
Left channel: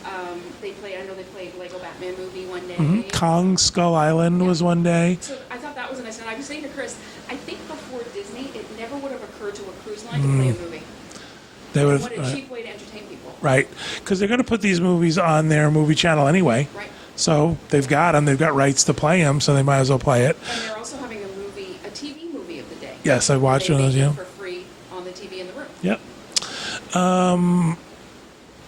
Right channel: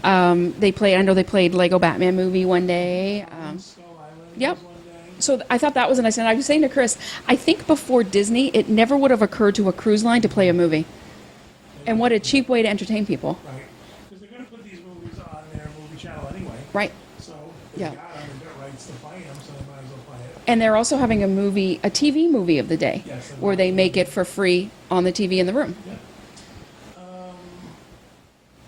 I know they played Lego Batman movie one day. Kong Skull Island yeah. was one day. So I thought that was a nice. And I was saying to Chris, I think before Disney, it never would have occurred to a cruise line to play a movie. They And would've- what a cheap way to entertain people. Right, because they're going to put these movies on their movie channel anyway. Right. So they've Yeah. got them. They've got rights to play them, so they might as well play it. And they're also having a TV movie of the day. Yes, I've where watched they those, make yeah. it for free on the TV in the room. Yep.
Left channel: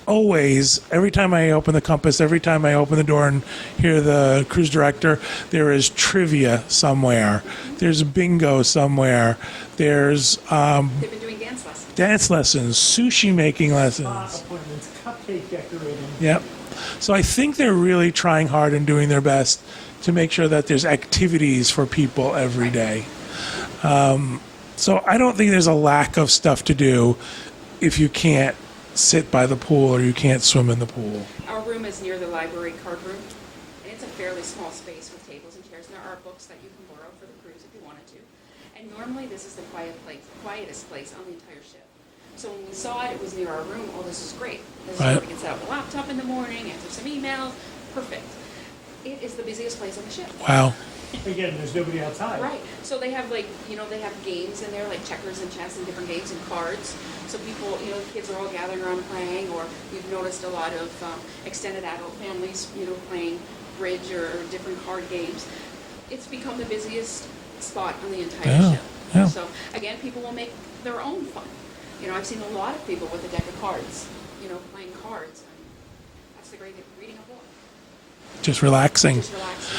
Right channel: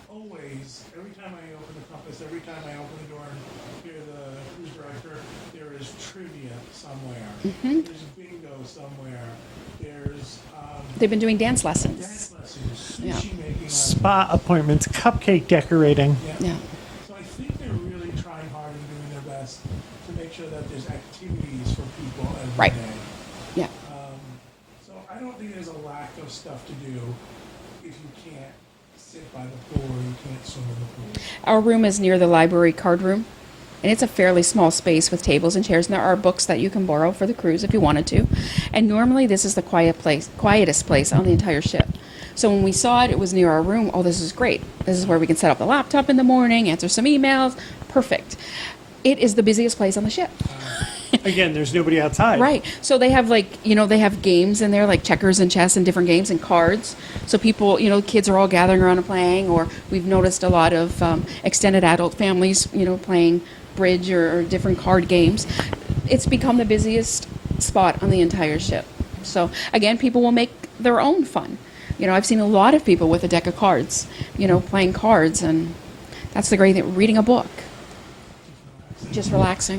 Always, every time I open the compass, every time I open the door and hear the cruise director, there is trivia somewhere. Mm-hmm. There's bingo somewhere. There's They've been doing dance lessons. dance lessons, sushi making lessons. Spa appointments, cupcake decorating. Yep. Yeah. So I think they're really trying hard and doing their best to make sure that there's activities for people every Right. day. Yeah. So I don't think there's a lack of stuff to do if you can't sit by the pool or you can't swim in the pool. Our room is near the library card room, and it's a fairly small space with tables and chairs, and there are books that you can borrow for the cruise if you wanted to. And normally this is the quietest place on the entire ship. So when we saw it, it was near our room. Oh, this is great. This is where Right. we can set up the laptop in the morning, answer some emails. Perfect. It is the busiest place on the ship. Wow. Again, there's nobody outside. Right. So they have they have games in there like checkers and chess and different games and cards. So people, kids are all gathering around and playing, or we've noticed a lot of extended adult families, playing bridge or different card games. It's become the busiest spot on the entire Yeah, ship. yeah. So again, people will make their own fun. I've seen a lot of people with a deck of cards, playing cards, and that's the great thing, reading a book, Just relaxing. just relaxing.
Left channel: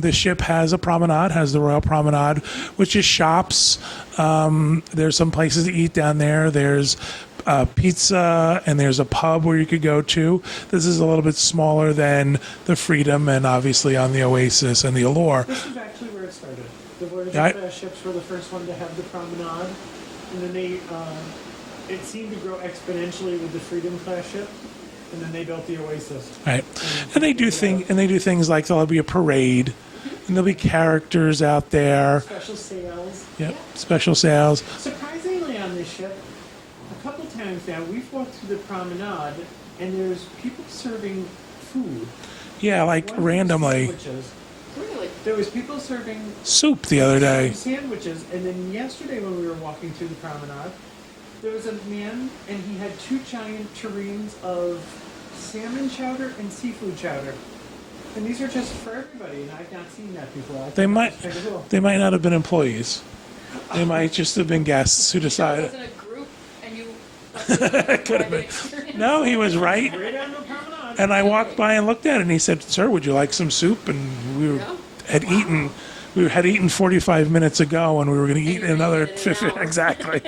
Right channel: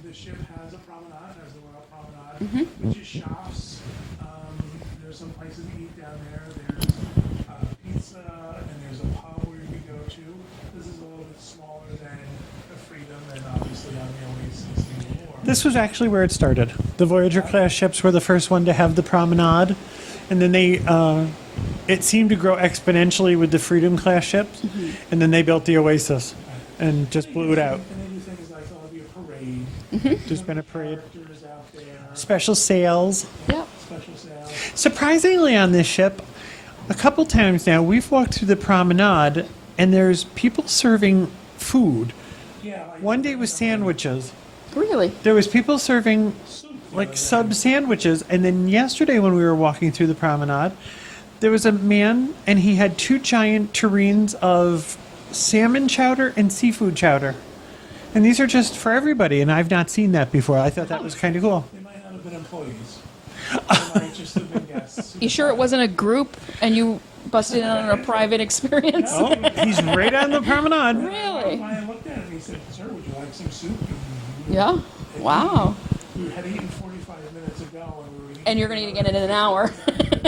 The ship has a promenade, has the Royal Promenade, which is shops. There's some places to eat down there. There's pizza, and there's a pub where you could go to. This is a little bit smaller than the Freedom and obviously on the Oasis and the Allure. This was actually where it started. The Voyager Right. class ships were the first one to have the promenade, and then it seemed to grow exponentially with the Freedom class ships, and then they built the Oasis. Right. And And just they blew do it out. and they do things like there'll be a parade. And there'll be been a parade. characters out there. Special sales. Yeah. Yeah. Special sales. Surprisingly, on this ship, a couple times now we've walked through the promenade, and there's people serving food. Yeah, like One day was randomly. sandwiches. Really? There was people serving Soup the like other day. sub sandwiches, and then yesterday when we were walking through the promenade, there was a man, and he had two giant tureens of salmon chowder and seafood chowder. And these are just for everybody, and I've not seen that before. I thought that was kind of cool. They might not have been employees. They might just have been guests who You sure decided. it wasn't a group and you busted in on a private experience. No, he was right. Right on the promenade. And I walked Really? by and looked at it, and he said, "Sir, would you like some soup?" And we Yeah. had Wow. eaten. We had eaten 45 minutes ago, and we were going to And eat you're gonna another eat it in an 50. hour. Exactly.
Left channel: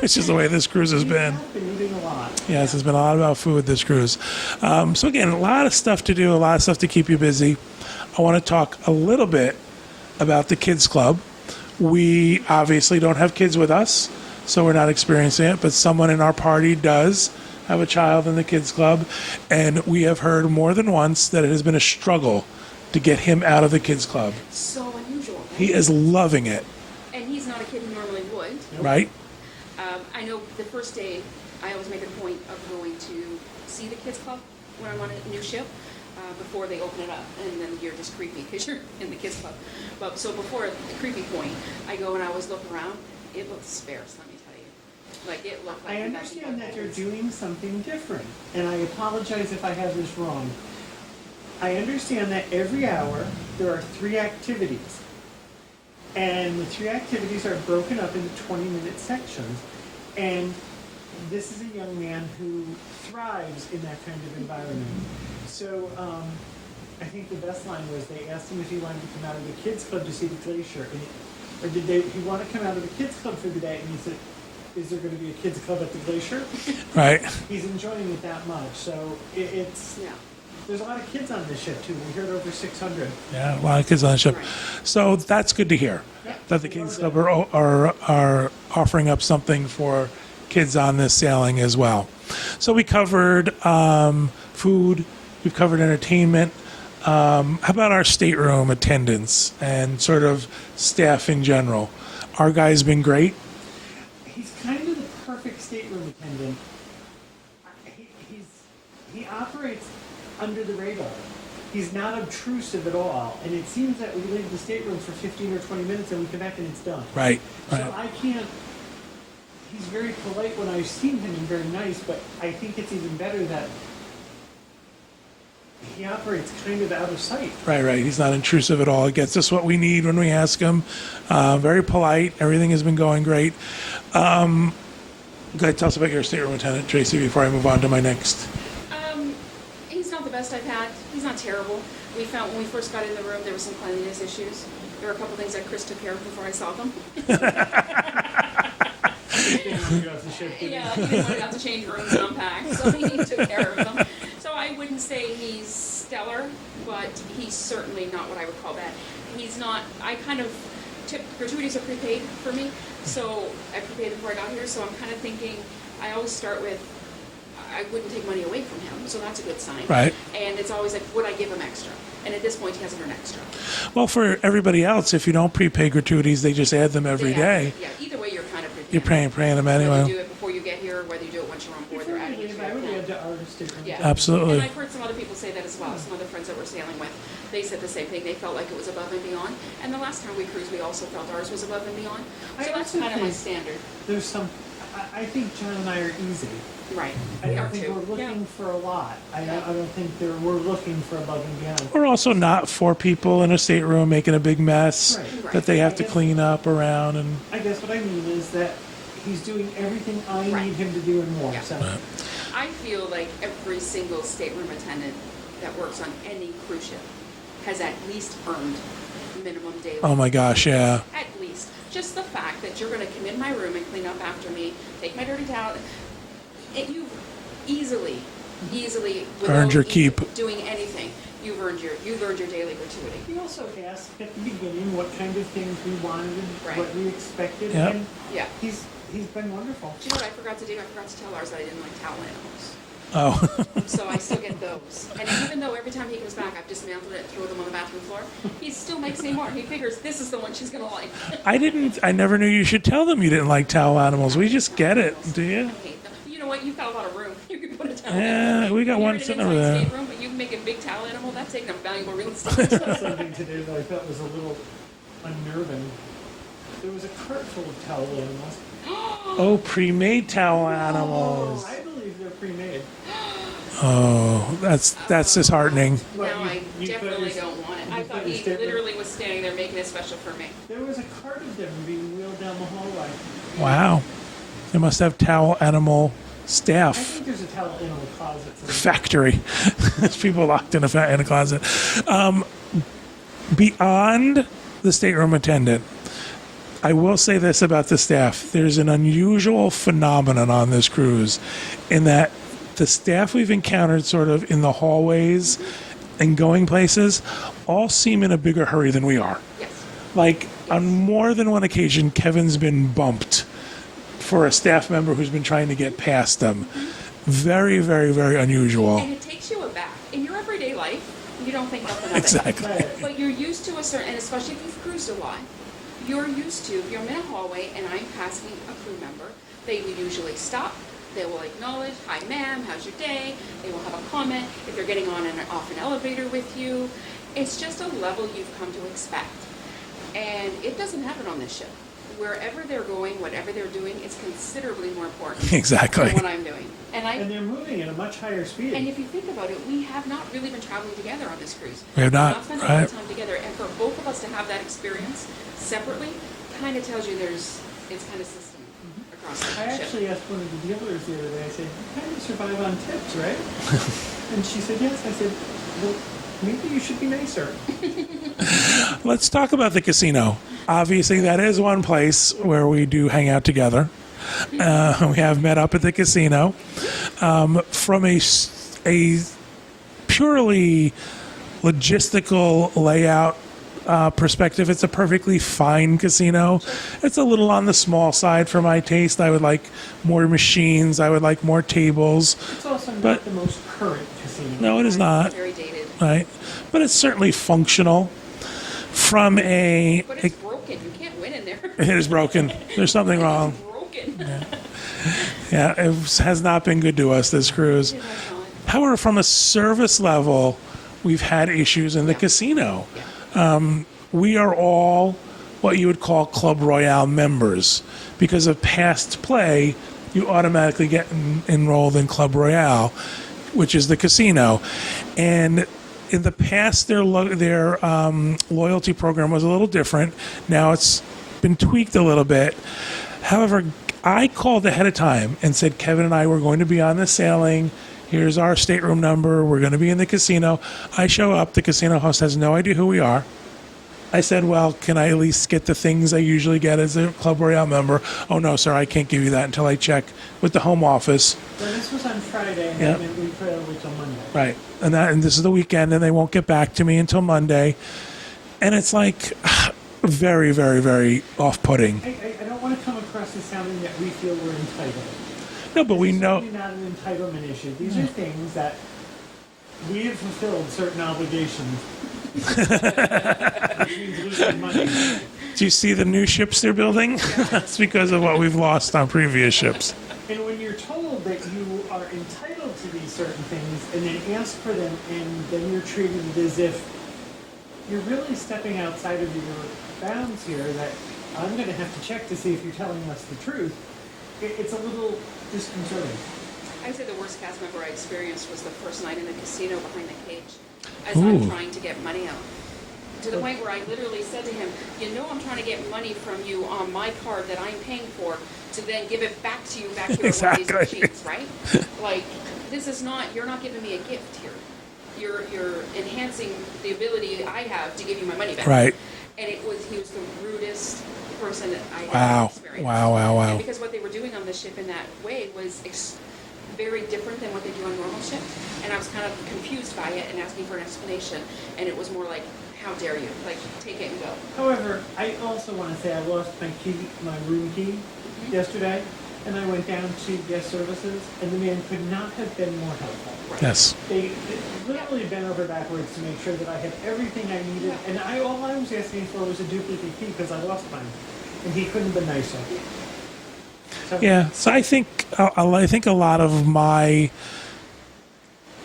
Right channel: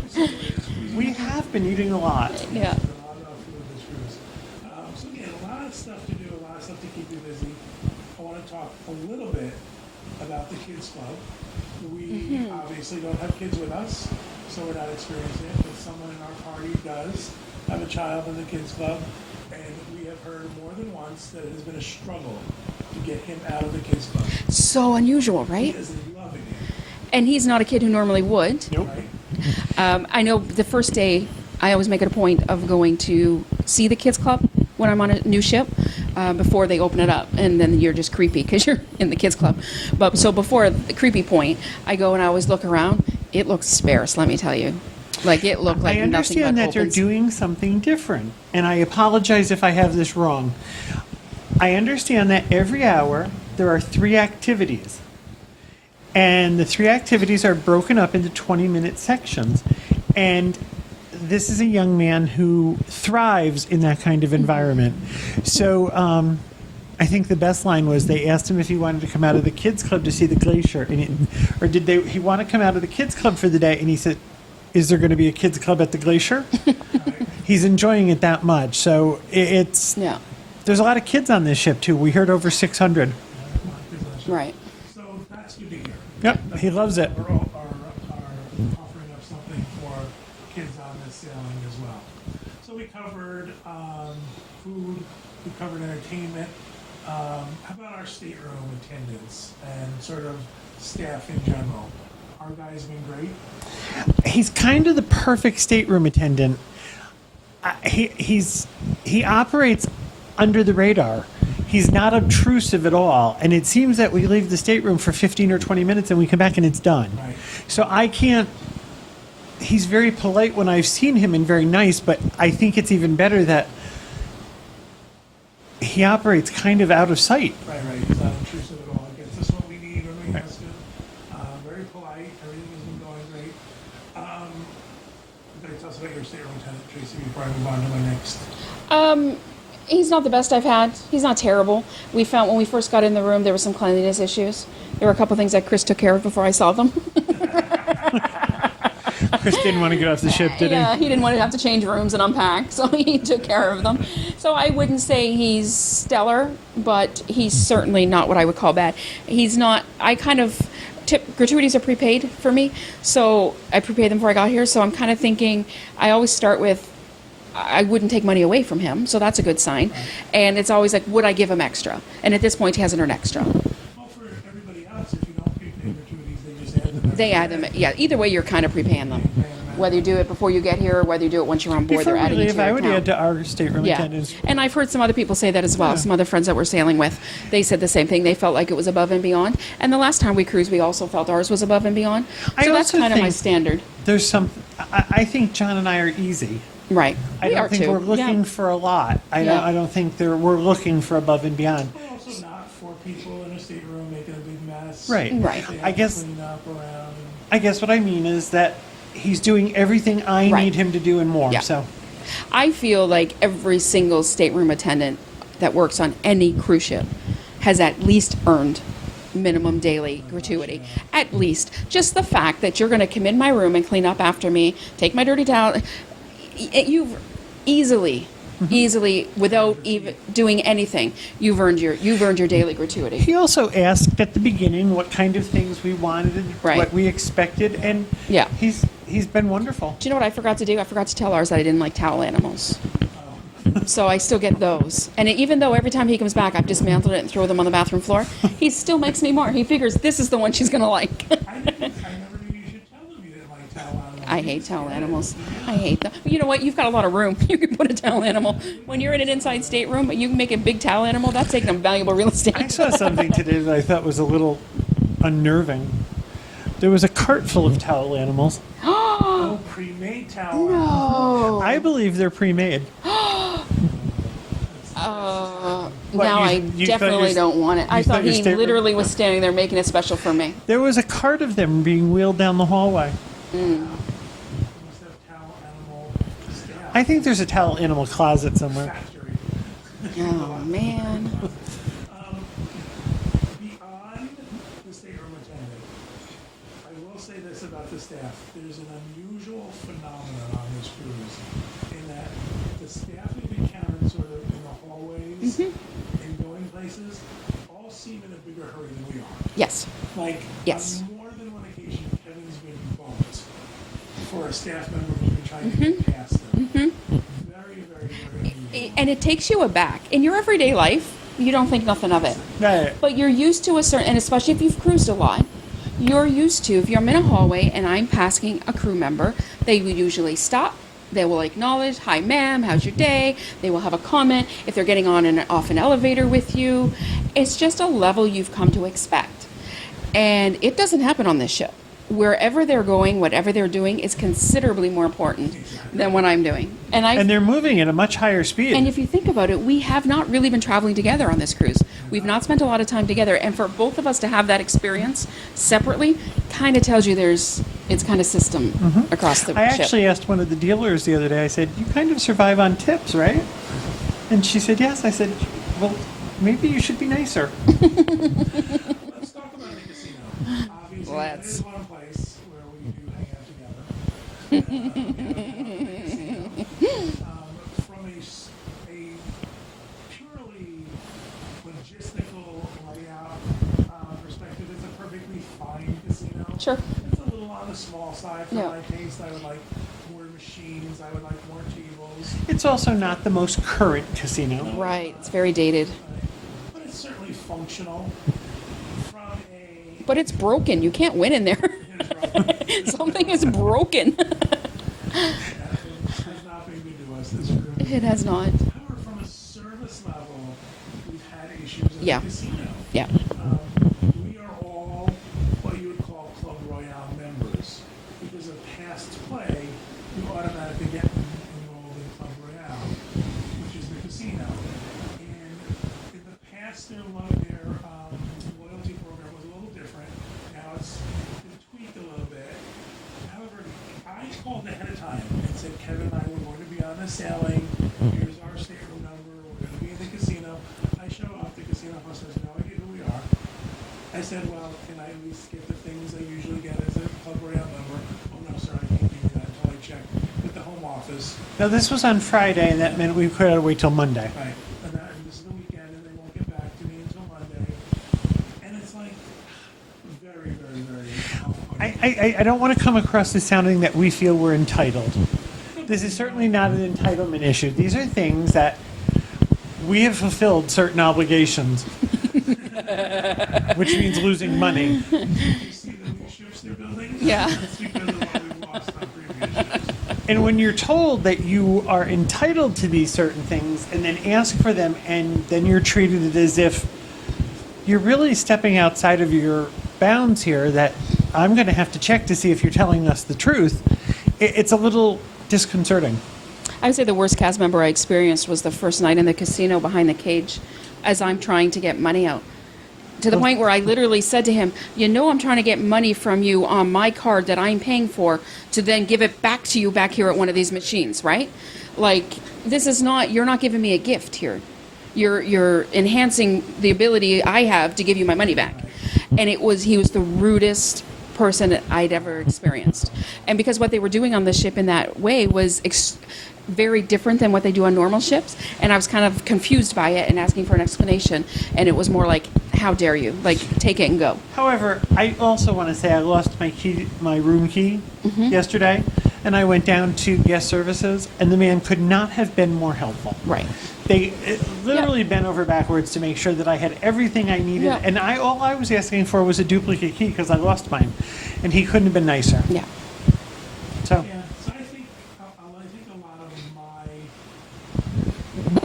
Which is the way this cruise has We been. have been eating a lot. Yes, Yeah. there's been a lot about food this cruise. So again, a lot of stuff to do, a lot of stuff to keep you busy. I want to talk a little bit about the kids club. We obviously don't have kids with us, so we're not experiencing it, but someone in our party does have a child in the kids club, and we have heard more than once that it has been a struggle to get him out of the kids club. So unusual, right? He is loving it, And he's not a kid who normally would. right? I know the first day, I always make it a point of going to see the kids club when I'm on a new ship before they open it up, and then you're just creepy because you're in the kids club. But so before the creepy point, I go and I always look around. It looks sparse, let me tell you. Like it looked like I nothing but understand that they're opens. doing something different, and I apologize if I have this wrong. I understand that every hour there are 3 activities, and the 3 activities are broken up into 20-minute sections. And this is a young man who thrives in that kind of environment. So I think the best line was they asked him if he wanted to come out of the kids club to see the glacier, or did he want to come out of the kids club for the day? And he said, "Is there going to be a kids club at the glacier?" Right. He's enjoying it that much. So it's Yeah. there's a lot of kids on this ship too. We heard over 600. Yeah, a lot of kids on the ship. Right. So that's good to hear. Yep, That he the loves Kids it. Club are offering up something for kids on this sailing as well. So we covered food, we've covered entertainment. How about our stateroom attendance and sort of staff in general? Our guy's been great. He's kind of the perfect stateroom attendant. He operates under the radar. He's not obtrusive at all, and it seems that we leave the stateroom for 15 or 20 minutes and we come back and it's done. Right. So right. I can't. He's very polite when I've seen him and very nice, but I think it's even better that he operates kind of out of sight. Right. He's not intrusive at all. He gets us what we need when we ask him. Very polite. Everything has been going great. Go ahead, tell us about your stateroom attendant, Tracy, before I move on to my next. He's not the best I've had. He's not terrible. We found when we first got in the room there were some cleanliness issues. There were a couple things that Chris took care of before I saw them. Chris didn't want to get off the ship, did he? Yeah, he didn't want to have to change rooms and unpack, so he took care of them. So I wouldn't say he's stellar, but he's certainly not what I would call bad. He's not. I kind of gratuities are prepaid for me, so I prepaid them before I got here. So I'm kind of thinking I always start with I wouldn't take money away from him, so that's a good sign. Right. And it's always like, would I give him extra? And at this point, he hasn't earned extra. Well, for everybody else, if you don't prepay gratuities, they just add them every They day. add them. Yeah. Either way, you're kind of prepaying You're paying them anyway. Whether you do it before you get here or whether you do it once you're on board, Before they're we adding it leave, to your I would account. add to our stateroom Yeah. attendant. Absolutely. And I've heard some other people say that as well. Some other friends that we're sailing with, they said the same thing. They felt like it was above and beyond. And the last time we cruised, we also felt ours was above and beyond. I So that's also kind of my think- standard. There's some. I think John and I are easy. Right. I We don't are think too. we're looking Yeah. for a lot. I Yeah. don't think we're looking for above and beyond. We're also not 4 people in a stateroom making a big mess Right. Right. that they I have to guess- clean up around. And I guess what I mean is that he's doing everything I Right. need him to do and more. Yeah. So I feel like every single stateroom attendant that works on any cruise ship has at least earned minimum daily. Oh my gosh, gratuity. yeah. At least. Just the fact that you're going to come in my room and clean up after me, take my dirty towel. You've easily, without your even keep. doing anything, you've earned your daily gratuity. he also asked at the beginning what kind of things we wanted, Right. what we expected, Yeah. and Yeah. he's been wonderful. Do you know what I forgot to do? I forgot to tell ours that I didn't like towel animals. oh, So I still get those. And even though every time he comes back, I've dismantled it and throw them on the bathroom floor, he still makes me more. He figures this is the one she's going to like. I never knew you should tell them you didn't like towel animals. I We hate just towel get animals. it, do you? I hate them. You know what? You've got a lot of room. You can put a towel Yeah, animal. we got When you're one in an sitting inside over there. stateroom, but you can make a big towel animal, that's taking up valuable real estate. I saw something today that I thought was a little unnerving. There was a cart full of towel animals. Oh, pre-made towel animals. I believe they're pre-made. Oh, that's disheartening. What, Now I you thought definitely your- don't want it. I you thought thought your he stateroom- literally was standing there making it special for me. There was a cart of them being wheeled down the hallway. Wow. They must have towel animal staff. I think there's a towel animal closet somewhere. Factory. There's people locked in a closet. Beyond the stateroom attendant, I will say this about the staff. There's an unusual phenomenon on this cruise in that the staff we've encountered sort of in the hallways and going places all seem in a bigger hurry than we are. Yes. Like, Yes. on more than one occasion, Kevin's been bumped for a staff member who's been trying to get past them. Very, very, very unusual. And it takes you aback. In your everyday life, you don't think nothing of it. Exactly. Right. But you're used to a certain, and especially if you've cruised a lot, you're used to, if I'm in a hallway and I'm passing a crew member, they will usually stop. They will acknowledge, hi ma'am, how's your day? They will have a comment if they're getting on and off an elevator with you. It's just a level you've come to expect. And it doesn't happen on this ship. Wherever they're going, whatever they're doing is considerably more important Exactly. than what I'm doing. And they're moving at a much higher speed. and if you think about it, we have not really been traveling together on this cruise. We have We've not, not spent a lot of right. time together. And for both of us to have that experience separately kind of tells you it's kind of system across the I ship. actually asked one of the dealers the other day, I said, you kind of survive on tips, right? And she said, yes. I said, well, maybe you should be nicer. Let's talk about the casino. Obviously, that is one place where we do hang out together. We have met up at the casino. From a purely logistical layout perspective, it's a perfectly fine casino. Sure. It's a little on the small side for my taste. I would like more machines. I would like more tables. It's also not the most current casino. No, it is Right, not. It's very dated. Right, but it's certainly functional. From a, But it's broken. You can't win in there. it is broken. There's something It's wrong. broken. Yeah, it has not been good to us this cruise. It has not. However, from a service level, we've had issues in the Yeah. casino. Yeah. We are all what you would call Club Royale members. Because of past play, you automatically get enrolled in Club Royale, which is the casino. And in the past, their loyalty program was a little different. Now it's been tweaked a little bit. However, I called ahead of time and said, Kevin and I were going to be on the sailing. Here's our stateroom number. We're going to be in the casino. I show up. The casino host has no idea who we are. I said, well, can I at least get the things I usually get as a Club Royale member? Oh, no, sir, I can't give you that until I check with the home office. Now, this was on Friday, and that Yeah. meant we could have to wait till Monday. Right. And this is the weekend, and they won't get back to me until Monday. And it's like very, very, very off-putting. I don't want to come across as sounding that we feel we're entitled. No, but This we is know. certainly not an entitlement issue. These are things that we have fulfilled certain obligations, which means losing money. Do you see the new ships they're building? Yeah. That's because of what we've lost on previous ships. And when you're told that you are entitled to these certain things and then ask for them and then you're treated as if you're really stepping outside of your bounds here, that I'm going to have to check to see if you're telling us the truth, it's a little disconcerting. I would say the worst cast member I experienced was the first night in the casino behind the cage as I'm Ooh. trying to get money out. To the point where I literally said to him, you know I'm trying to get money from you on my card that I'm paying for to then give it back to you back here at one of these Exactly. machines, right? Like, this is not, you're not giving me a gift here. You're enhancing the ability I have to give you my money back. Right. And he was the rudest person I'd ever Wow. experienced. Wow. And because what they were doing on the ship in that way was very different than what they do on normal ships, and I was kind of confused by it and asking for an explanation, and it was more like, how dare you, like, take it and go. However, I also want to say I lost my room key yesterday, and I went down to guest services, and the man could not have been more helpful. Right. Yes. They literally bent over backwards to make sure that I had everything I needed, Yeah. and all I was asking for was a duplicate key because I lost mine, and he couldn't have been nicer. Yeah. So, Yeah. So I think a lot of my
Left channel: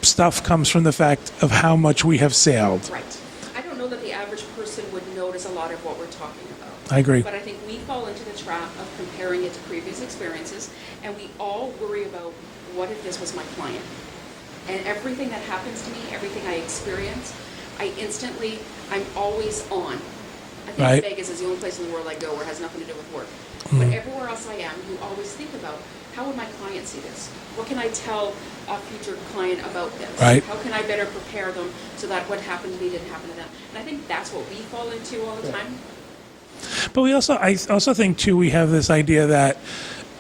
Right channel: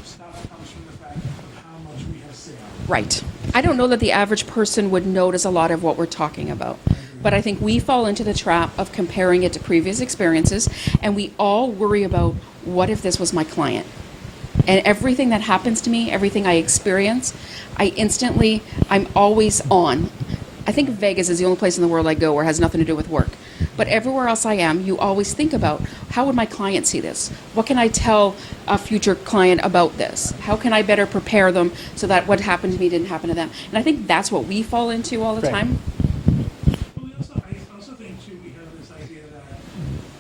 stuff comes from the fact of how much we have sailed. Right. I don't know that the average person would notice a lot of what we're talking about. I agree. But I think we fall into the trap of comparing it to previous experiences, and we all worry about, what if this was my client? And everything that happens to me, everything I experience, I'm always on. I think Right. Vegas is the only place in the world I go where it has nothing to do with work. But everywhere else I am, you always think about, how would my client see this? What can I tell a future client about this? Right. How can I better prepare them so that what happened to me didn't happen to them? And I think that's what we fall into all the Right. time. But I also think too, we have this idea that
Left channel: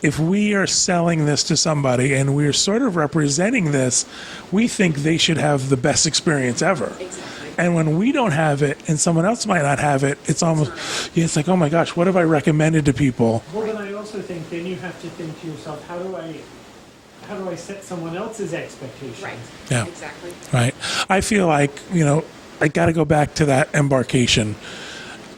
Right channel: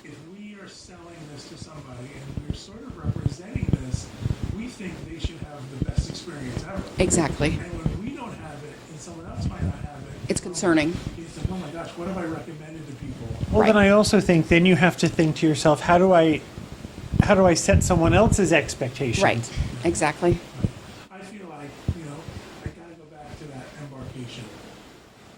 if we are selling this to somebody and we're sort of representing this, we think they should have the best experience ever. Exactly. And when we don't have it and someone else might not have it, it's almost, concerning. yeah, it's like, oh my gosh, what have I recommended to people? Well, then Right. I also think then you have to think to yourself, how do I set someone else's expectations? Right. Yeah. Exactly. Right. I feel like, I got to go back to that embarkation.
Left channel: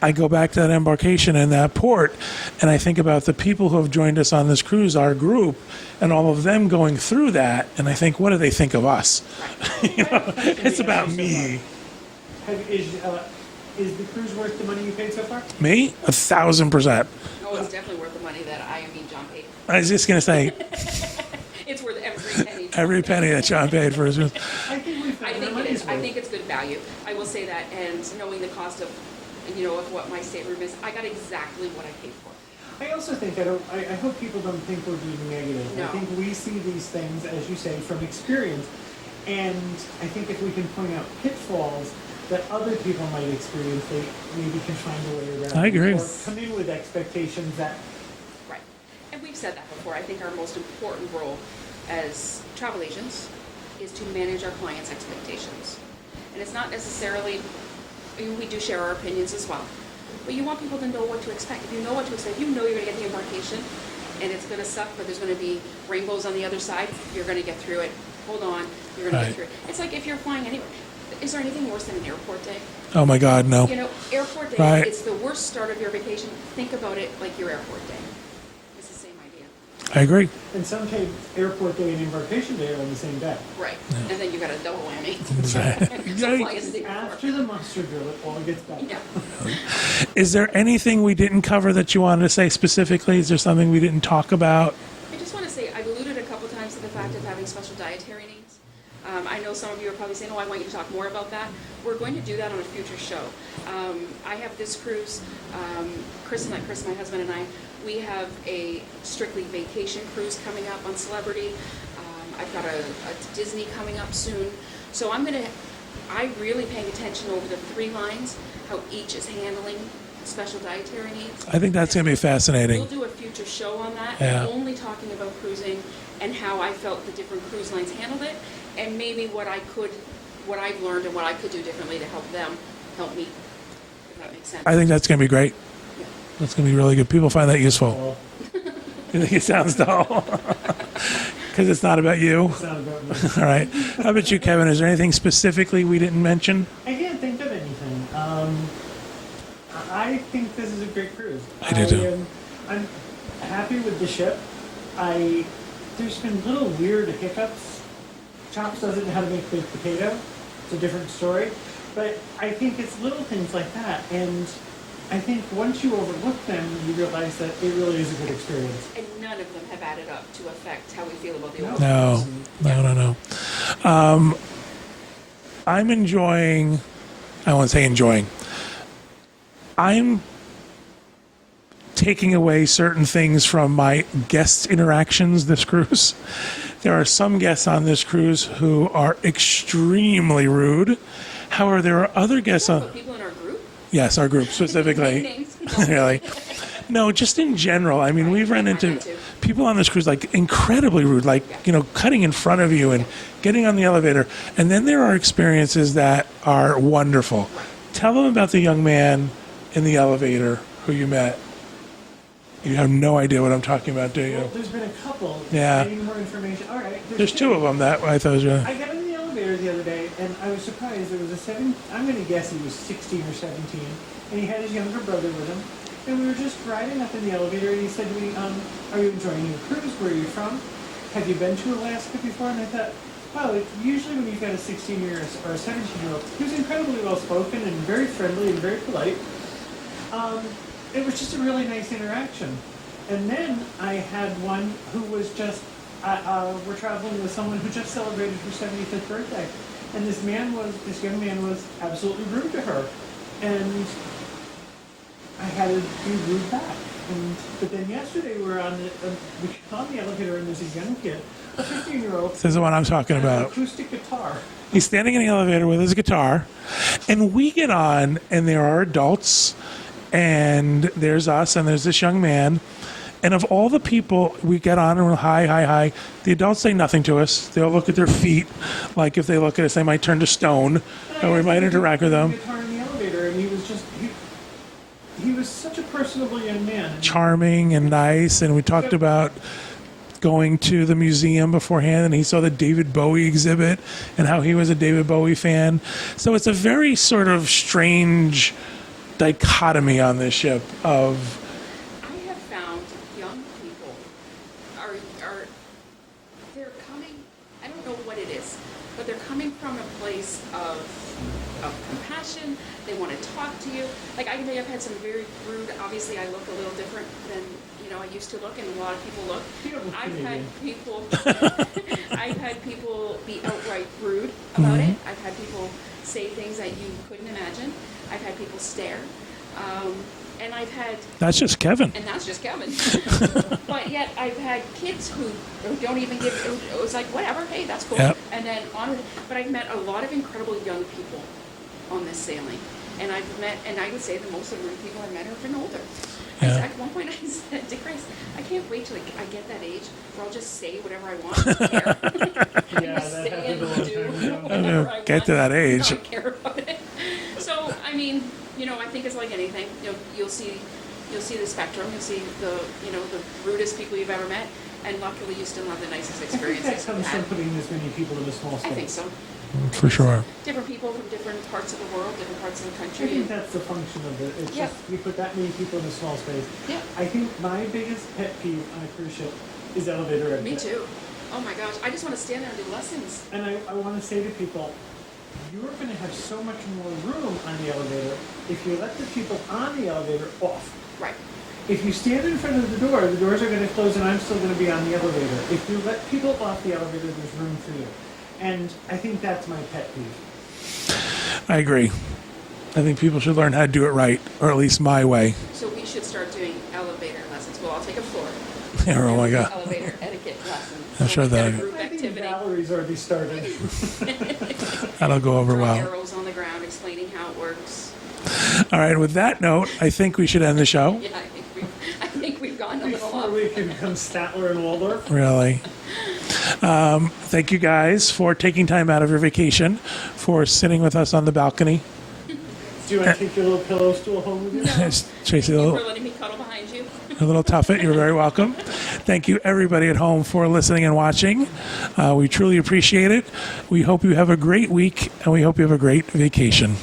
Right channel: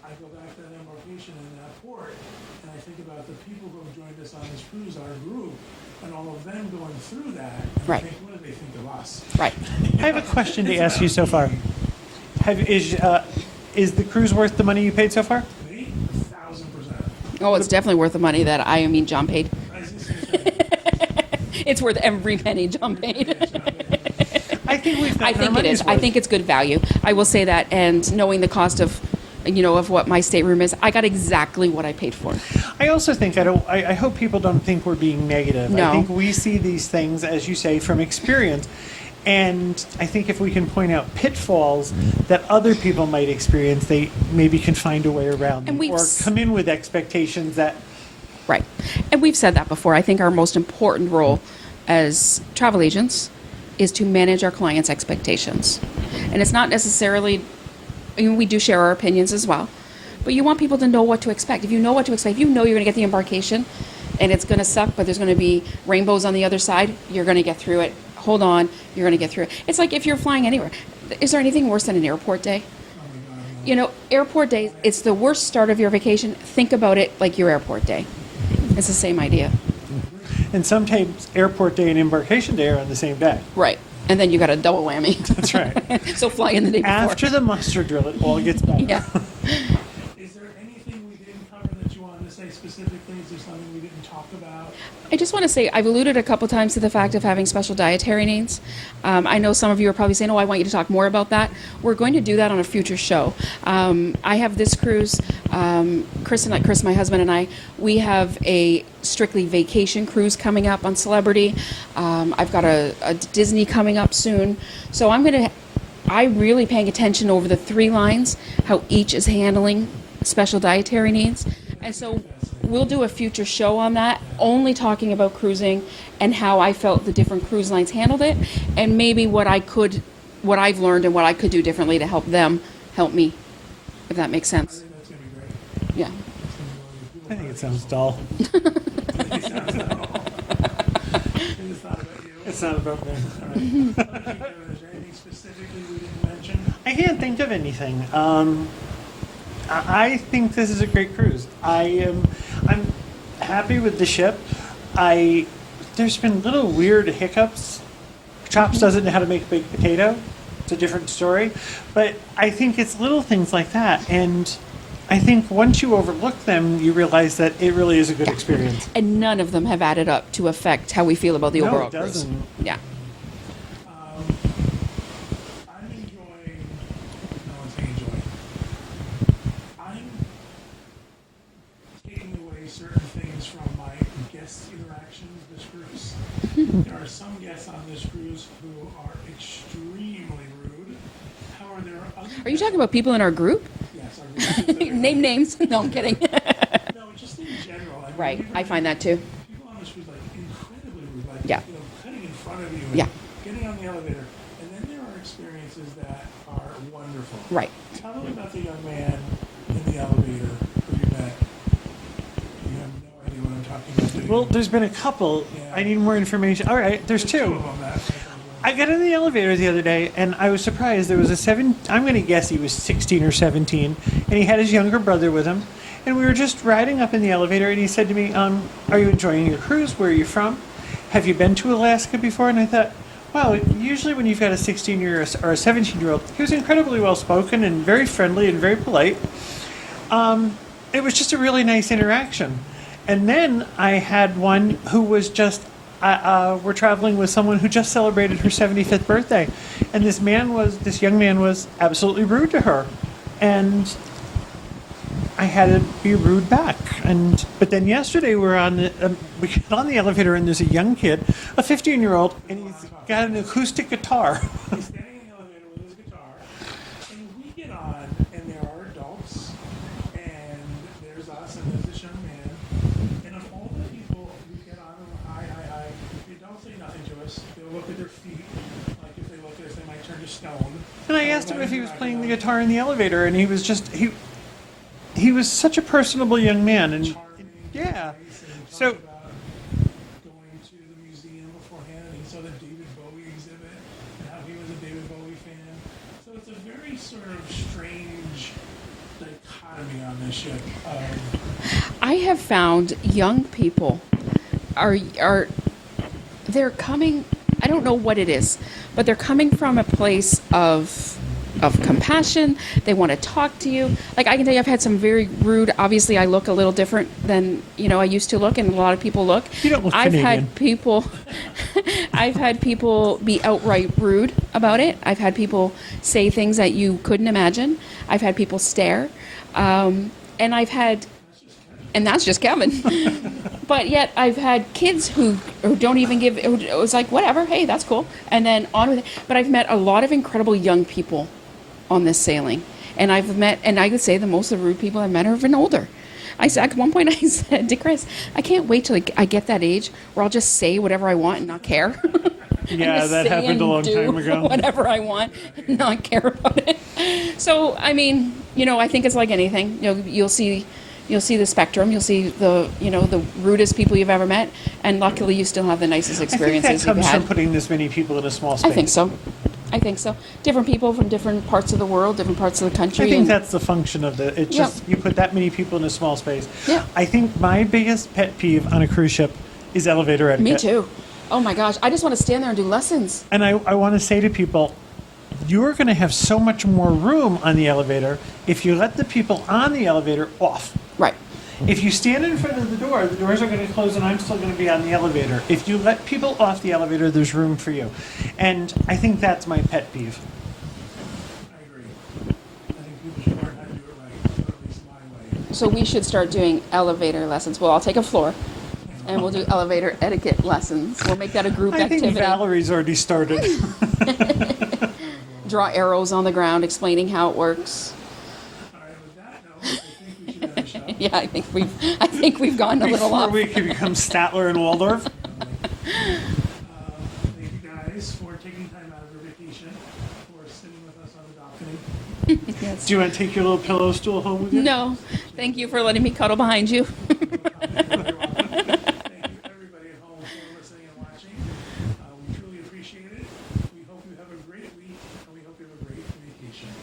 I go back to that embarkation and that port, and I think about the people who have joined us on this cruise, our group, and all of them going through that, and I Right. think, what do they think of us? Right. I have a question to It's ask you about so far. me. Is the cruise worth the money you paid so far? Me? 1,000%. Oh, it's definitely worth the money that John paid. I was just going to say, It's worth every penny John every paid. penny that John paid for his room. I think we've I gotten our think it money's is. I worth. think it's good value. I will say that, and knowing the cost of, of what my stateroom is, I got exactly what I paid for. I also think I hope people don't think we're being negative. No. I think we see these things, as you say, from experience. And I think if we can point out pitfalls that other people might experience, they maybe can find a way around I them, agree. or come in with expectations that Right. And we've said that before. I think our most important role as travel agents is to manage our clients' expectations. And it's not necessarily, we do share our opinions as well, but you want people to know what to expect. If you know what to expect, you know you're going to get the embarkation and it's going to suck, but there's going to be rainbows on the other side, you're going to get through it. Hold on, you're going to Right. get through it. It's like if you're flying anywhere. Is there anything worse than an airport day? Oh my God, no. Airport day, Right. it's the worst start of your vacation. Think about it like your airport day. It's the same idea. I agree. and sometimes airport day and embarkation day are on the same day. Right. And then you got a double whammy. That's right. So fly in the day before. After the muster drill, it all gets better. Yeah. Is there anything we didn't cover that you wanted to say specifically? Is there something we didn't talk about? I just want to say, I've alluded a couple times to the fact of having special dietary needs. I know some of you are probably saying, oh, I want you to talk more about that. We're going to do that on a future show. I have this cruise, Chris, my husband and I, we have a strictly vacation cruise coming up on Celebrity. I've got a Disney coming up soon. So I'm really paying attention over the 3 lines, how each is handling special dietary needs. I think that's And going to be so fascinating. We'll do a future show on that, Yeah. only talking about cruising and how I felt the different cruise lines handled it, and maybe what I've learned and what I could do differently to help them help me, if that makes sense. I think that's going to be great. Yeah. That's going to be really good. People find that useful. Dull. You think it sounds dull? Because it's not about you. It's not about me. All right. How about you, Kevin? Is there anything specifically we didn't mention? I can't think of anything. I think this is a great cruise. I do too. I'm happy with the ship. There's been little weird hiccups. Chops doesn't know how to make baked potato. It's a different story. But I think it's little things like that. And I think once you overlook them, you realize that it really is a good experience. And none of them have added up to affect how we feel about the No. overall No. cruise. Yeah. No. I'm enjoying, I won't say enjoying, I'm taking away certain things from my guest interactions this cruise. There are some guests on this cruise who are extremely rude. However, there are other Are you guests talking on, about people in our group? yes, our group specifically. Name names. No, I'm Really? kidding. No, just in general. I mean, Right, we've run I find into that too. people on this cruise like incredibly rude, like Yeah. cutting in front of you and Yeah. getting on the elevator. And then there are experiences that are wonderful. Right. Tell them about the young man in the elevator who you met. You have no idea what I'm talking about, do you? Well, there's been a couple. Yeah. I need more information. All right, there's There's two of them that I thought was really. I got in the elevator the other day, and I was surprised. There was I'm going to guess he was 16 or 17, and he had his younger brother with him. And we were just riding up in the elevator, and he said to me, are you enjoying your cruise? Where are you from? Have you been to Alaska before? And I thought, wow, usually when you've got a 16-year or a 17-year-old, he was incredibly well-spoken and very friendly and very polite. It was just a really nice interaction. And then I had one who was just, we're traveling with someone who just celebrated her 75th birthday. And this young man was absolutely rude to her. And I had to be rude back. But then yesterday we get on the elevator and there's a young kid, a 15-year-old. This is the one I'm talking got an about. acoustic guitar. He's standing in the elevator with his guitar, and we get on, and there are adults, and there's us, and there's this young man. And of all the people, we get on and we're hi, hi, hi. The adults say nothing to us. They'll look at their feet, like if they look at us, they might turn to stone, And I and asked we might him if he was interact with playing them. the guitar in the elevator, and he was just he was such a personable young man. And Charming and Yeah. nice, and we talked So- about going to the museum beforehand, and he saw the David Bowie exhibit and how he was a David Bowie fan. So it's a very sort of strange dichotomy on this ship of I have found young people are they're coming, I don't know what it is, but they're coming from a place of compassion. They want to talk to you. Like, I can tell you, I've had some very rude, obviously I look a little different than, I used to look, and a lot of people look. You don't look I've Canadian. had people I've had people be outright rude about it. I've had people say things that you couldn't imagine. I've had people stare. And I've had, that's just Kevin. and that's just Kevin. But yet I've had kids who don't even give, who it was like, whatever, hey, that's cool. Yep. And then on with it. But I've met a lot of incredible young people on this sailing. And I've met, and I could say the most of the rude people I've met are even older. At one point I said to Chris, I can't wait till I get that age where I'll just say whatever I want and not care. Yeah, Just that say happened and a long do time ago. Whatever I want. Get to that age. Not care about it. So, I mean, I think it's like anything. You'll see the spectrum. You'll see the rudest people you've ever met, and luckily you still have the nicest I think that experiences you've comes had. from putting this many people in a small space. I think so. I For think so. sure. Different people from different parts of the world, different parts of the country. I think and- that's the function of it's Yep. just you put that many people in a small space. Yeah. I think my biggest pet peeve on a cruise ship is elevator etiquette. Me too. Oh my gosh, I just want to stand there and do lessons. And I want to say to people, you're going to have so much more room on the elevator if you let the people on the elevator off. Right. If you stand in front of the doors are going to close and I'm still going to be on the elevator. If you let people off the elevator, there's room for you. And I think that's my pet peeve. I agree. I think people should learn how to do it right, or at least my way. So we should start doing elevator lessons. Well, I'll take a floor, Yeah, or and we'll like do a- elevator etiquette lessons. We'll sure make that a that- group I think activity. Valerie's already started. that'll go over Draw well. arrows on the ground explaining how it works. All right, with that note, I think we should end the show. Yeah, I think we've gone a little Before off. we can become Statler and Waldorf. Really. Thank you guys for taking time out of your vacation, for sitting with us on the balcony. Do you want to take your little pillow stool home with you? No, Yes, Tracy, thank you a for little- letting me cuddle behind you. A little tuffet. You're very welcome. Thank you, everybody at home, for listening and watching. We truly appreciate it. We hope you have a great week, and we hope you have a great vacation.